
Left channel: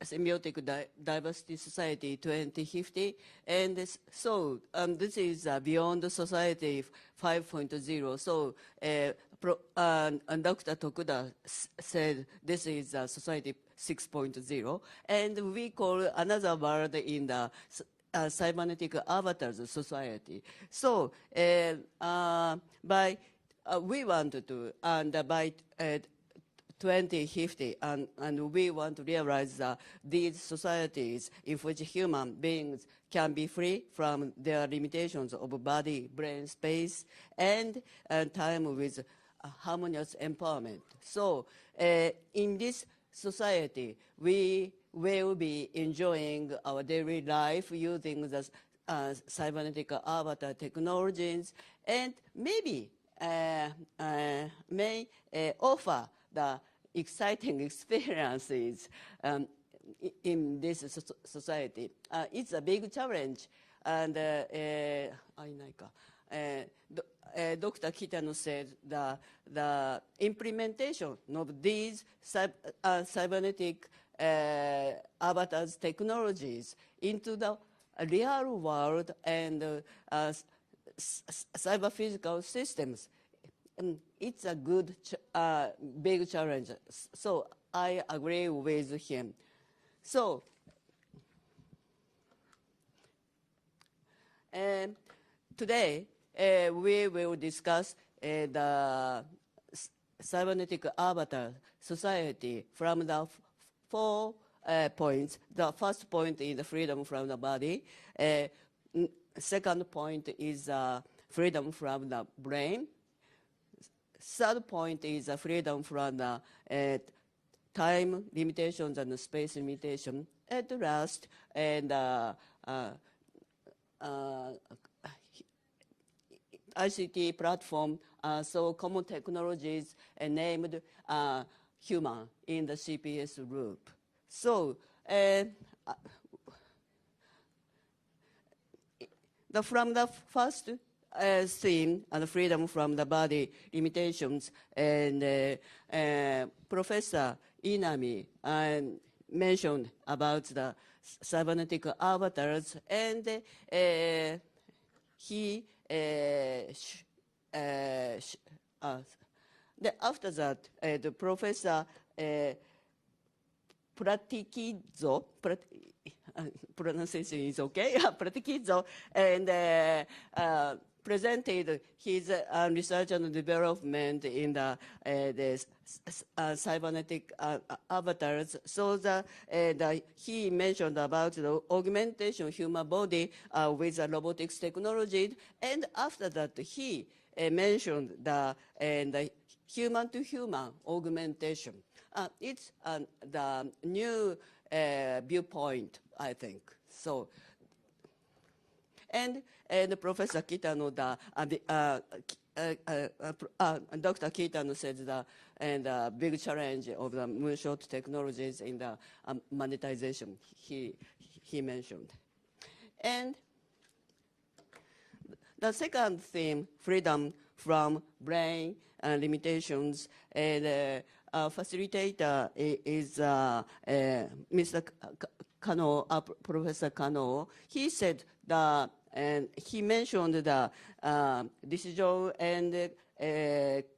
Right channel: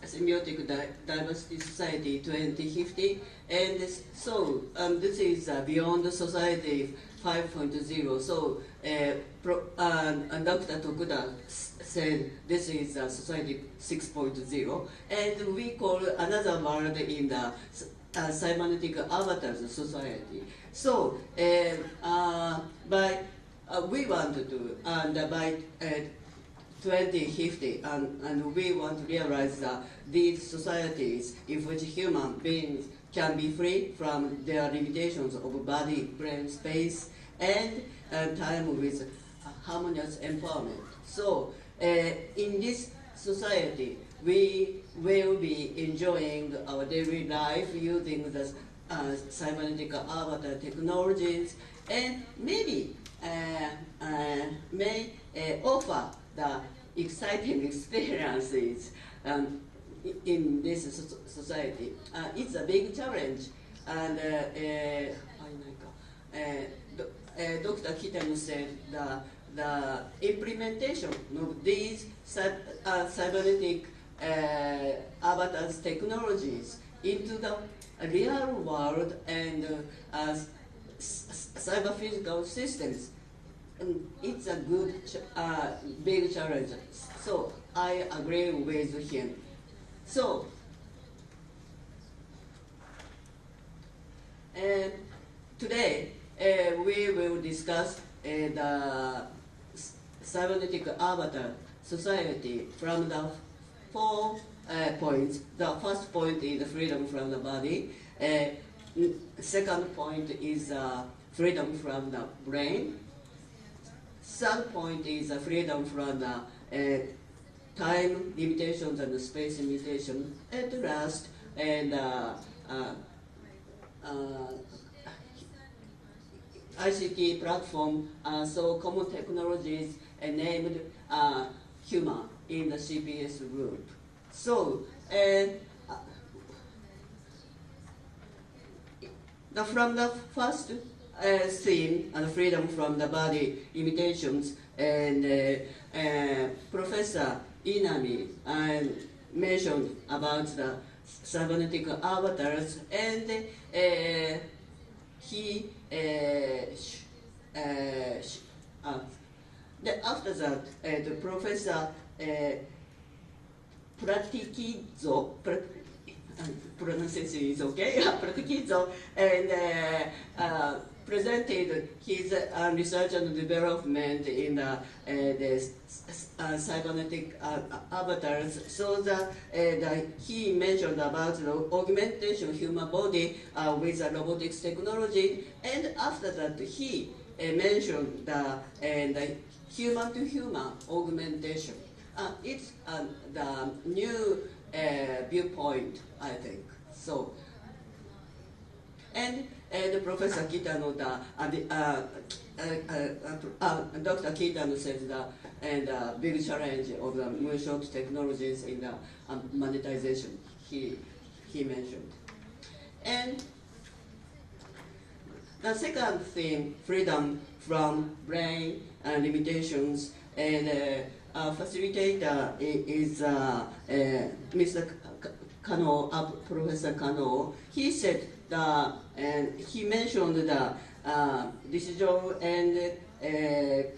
symbiotic diversity society 2050, and so this is beyond the society 5.0. So Dr. Tokuda said this is society 6.0, and we call another word in the cybernetic avatars society. So by we want to do, and by 2050, and we want to realize these societies in which human beings can be free from their limitations of body, brain, space, and time with harmonious empowerment. So in this society, we will be enjoying our daily life using the cybernetic avatar technologies, and maybe may offer the exciting experiences in this society. It's a big challenge, and Dr. Kitano said the implementation of these cybernetic avatars technologies into the real world and cyber physical systems, it's a good big challenge. So I agree with him. So today we will discuss the cybernetic avatar society from the 4 points. The first point is freedom from the body. Second point is freedom from the brain. Third point is freedom from the time limitations and space limitation. At last, and ICT platform, so common technologies named human in the CPS group. So, from the first theme, and freedom from the body limitations, and Professor Inami mentioned about the cybernetic avatars, and he after that, the Professor Pratikizo, pronunciation is okay, Pratikizo, and presented his research and development in the cybernetic avatars. So that he mentioned about the augmentation human body with robotics technology, and after that he mentioned the human-to-human augmentation. It's the new viewpoint, I think. So, and Professor Kitano, Dr. Kitano said the big challenge of the Moonshot technologies in the monetization he mentioned. And the second thing, freedom from brain limitations, and facilitator is Mr. Kano, Professor Kano. He said and he mentioned the decision and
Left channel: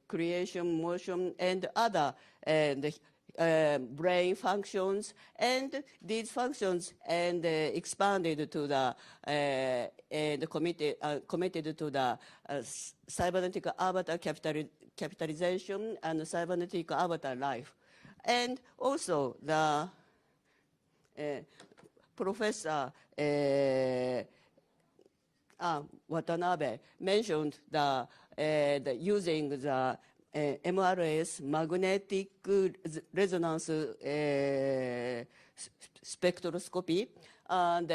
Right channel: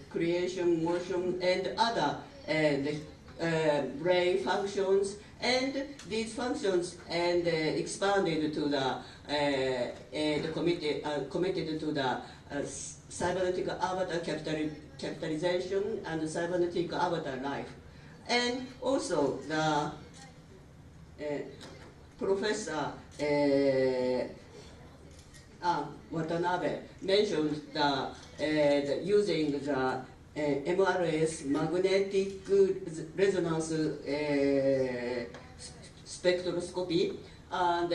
creation, motion, and other brain functions, and these functions and expanded to the committed to the cybernetic avatar capitalization and cybernetic avatar life. And also the Professor Watanabe mentioned the using the MRS, magnetic resonance spectroscopy, and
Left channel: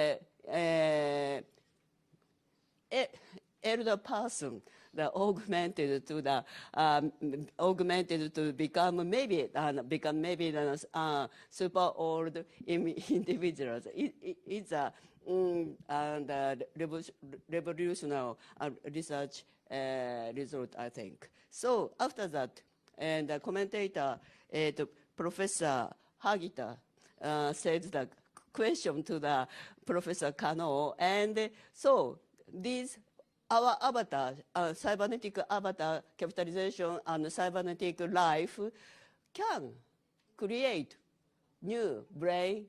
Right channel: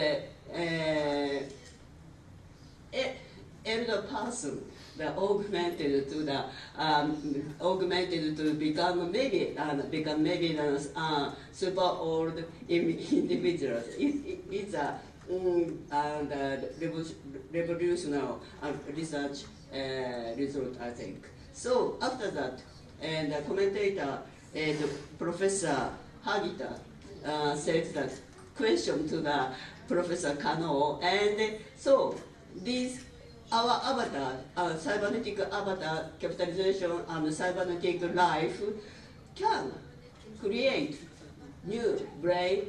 elder person augmented to become maybe super old individuals. It's a revolutionary research result, I think. So after that, and the commentator, Professor Hagita, said that question to the Professor Kano, and so these our avatar, cybernetic avatar capitalization and cybernetic life can create new brain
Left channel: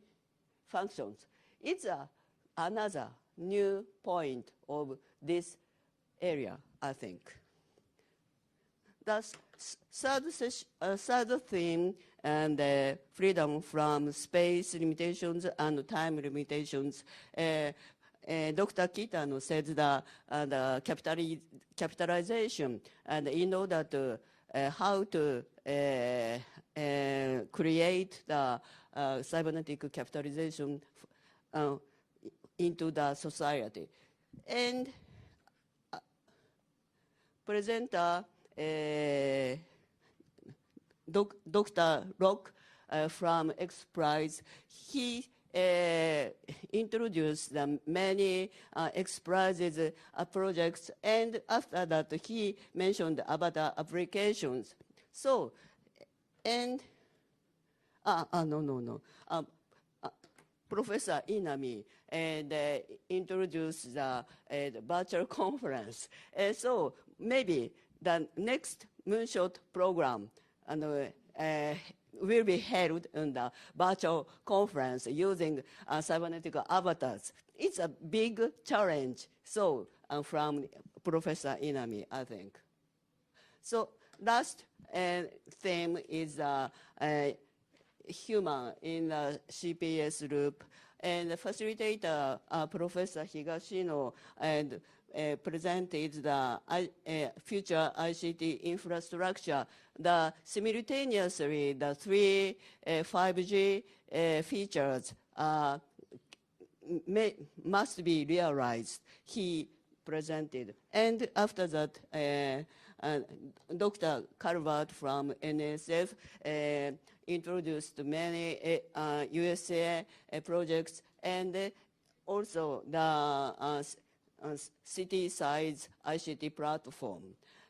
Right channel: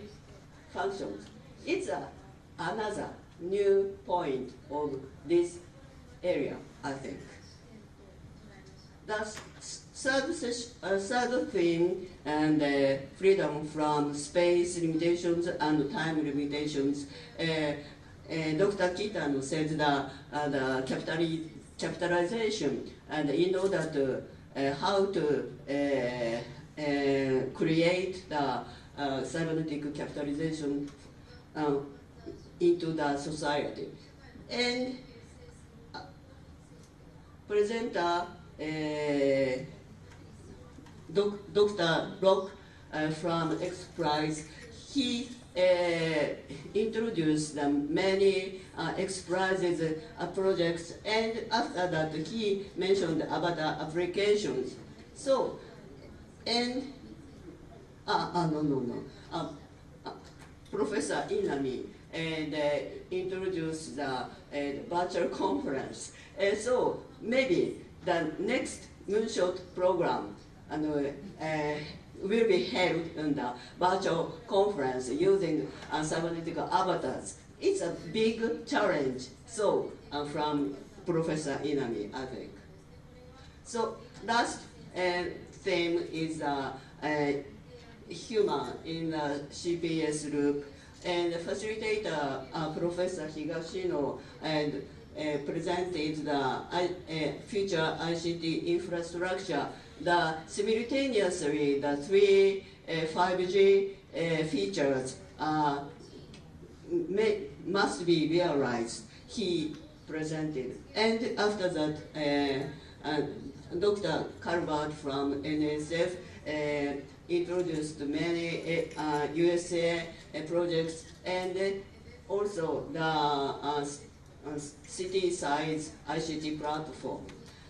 functions. It's another new point of this area, I think. The third thing, and freedom from space limitations and time limitations. Dr. Kitano said the capitalization, and in order to how to create the cybernetic capitalization into the society. And presenter Dr. Rock from X Prize, he introduced many X Prizes projects, and after that he mentioned about the applications. So, and Professor Inami and introduced the virtual conference. So maybe the next Moonshot program will be held in the virtual conference using cybernetic avatars. It's a big challenge. So from Professor Inami, I think. So last theme is human in the CPS group, and the facilitator Professor Higashino and presented the future ICT infrastructure. The simultaneously the three 5G features must be realized. He presented, and after that, Dr. Calvert from NSF introduced many USA projects, and also the city-size ICT platform.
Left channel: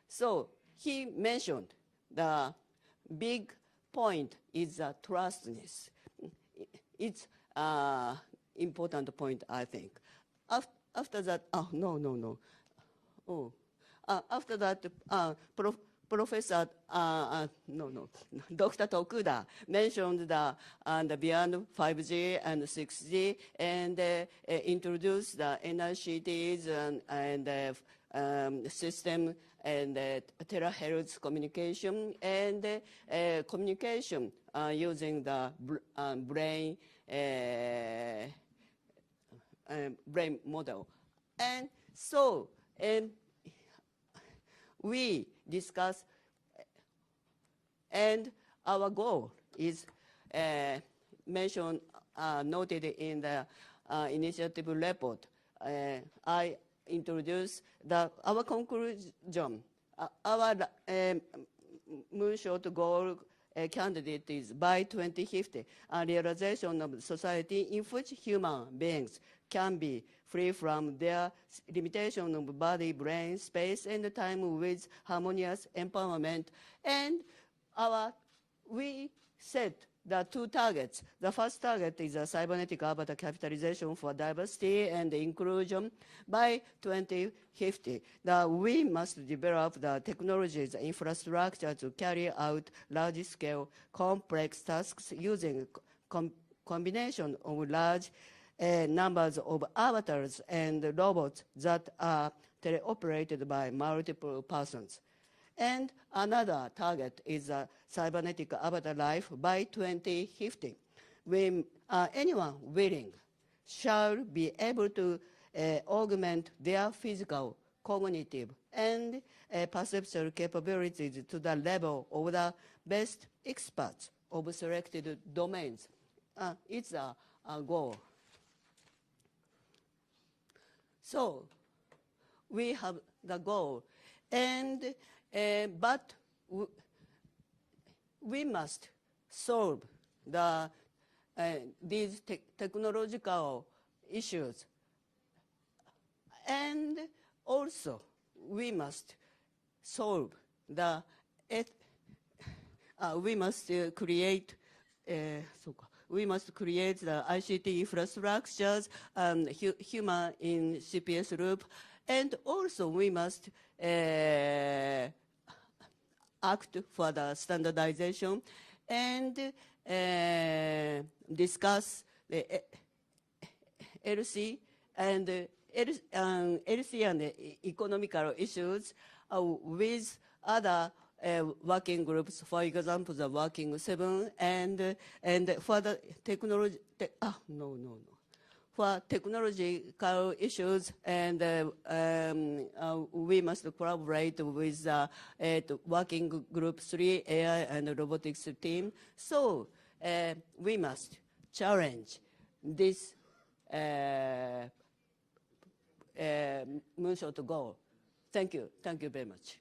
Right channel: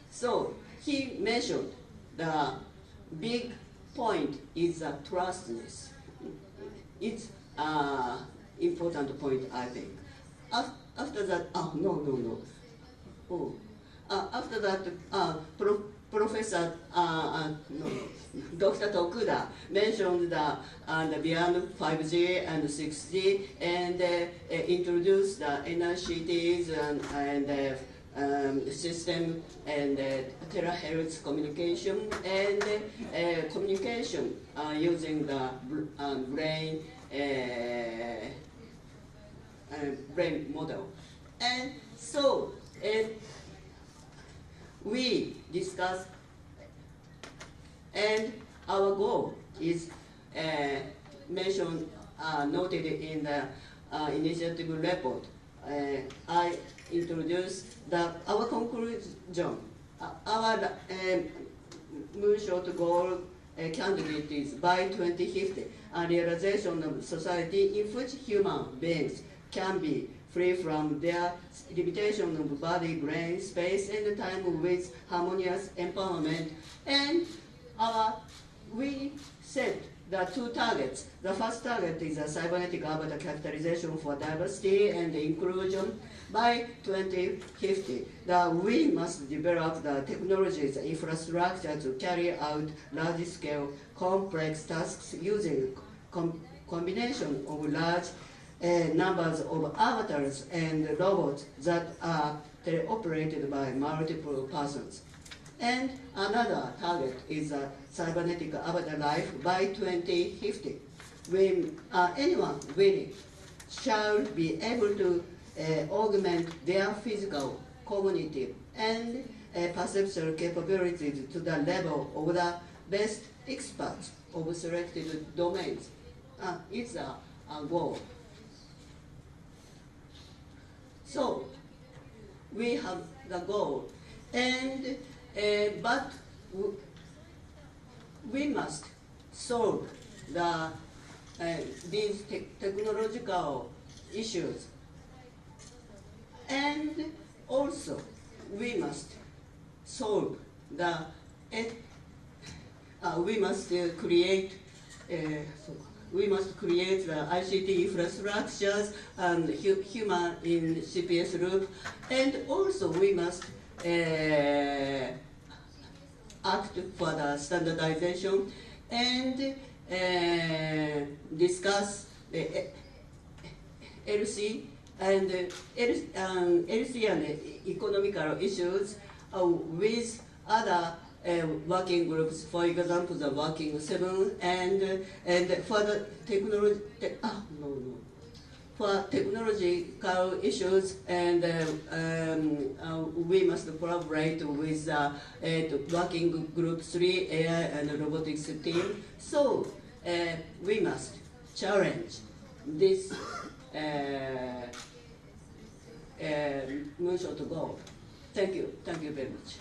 So he mentioned the big point is trustness. It's important point, I think. After that, after that, Professor Dr. Tokuda mentioned the beyond 5G and 6G, and introduced the NICTs and system and terahertz communication, and communication using the brain model. And so we discussed, and our goal is mentioned, noted in the initiative report. I introduced our conclusion. Our Moonshot goal candidate is by 2050, a realization of society in which human beings can be free from their limitation of body, brain, space, and time with harmonious empowerment. And we set the two targets. The first target is a cybernetic avatar capitalization for diversity and inclusion. By 2050, we must develop the technologies and infrastructure to carry out large-scale complex tasks using combination of large numbers of avatars and robots that are operated by multiple persons. And another target is a cybernetic avatar life by 2050, when anyone willing shall be able to augment their physical, cognitive, and perceptual capabilities to the level of the best experts of selected domains. It's a goal. So we have the goal, and but we must solve these technological issues, and also we must solve we must create the ICT infrastructures and human in CPS group, and also we must act for the standardization and discuss the LC and economical issues with other working groups, for example, the Working 7, and for the for technological issues, and we must collaborate with Working Group 3, AI and Robotics team. So we must challenge this Moonshot goal. Thank you very much.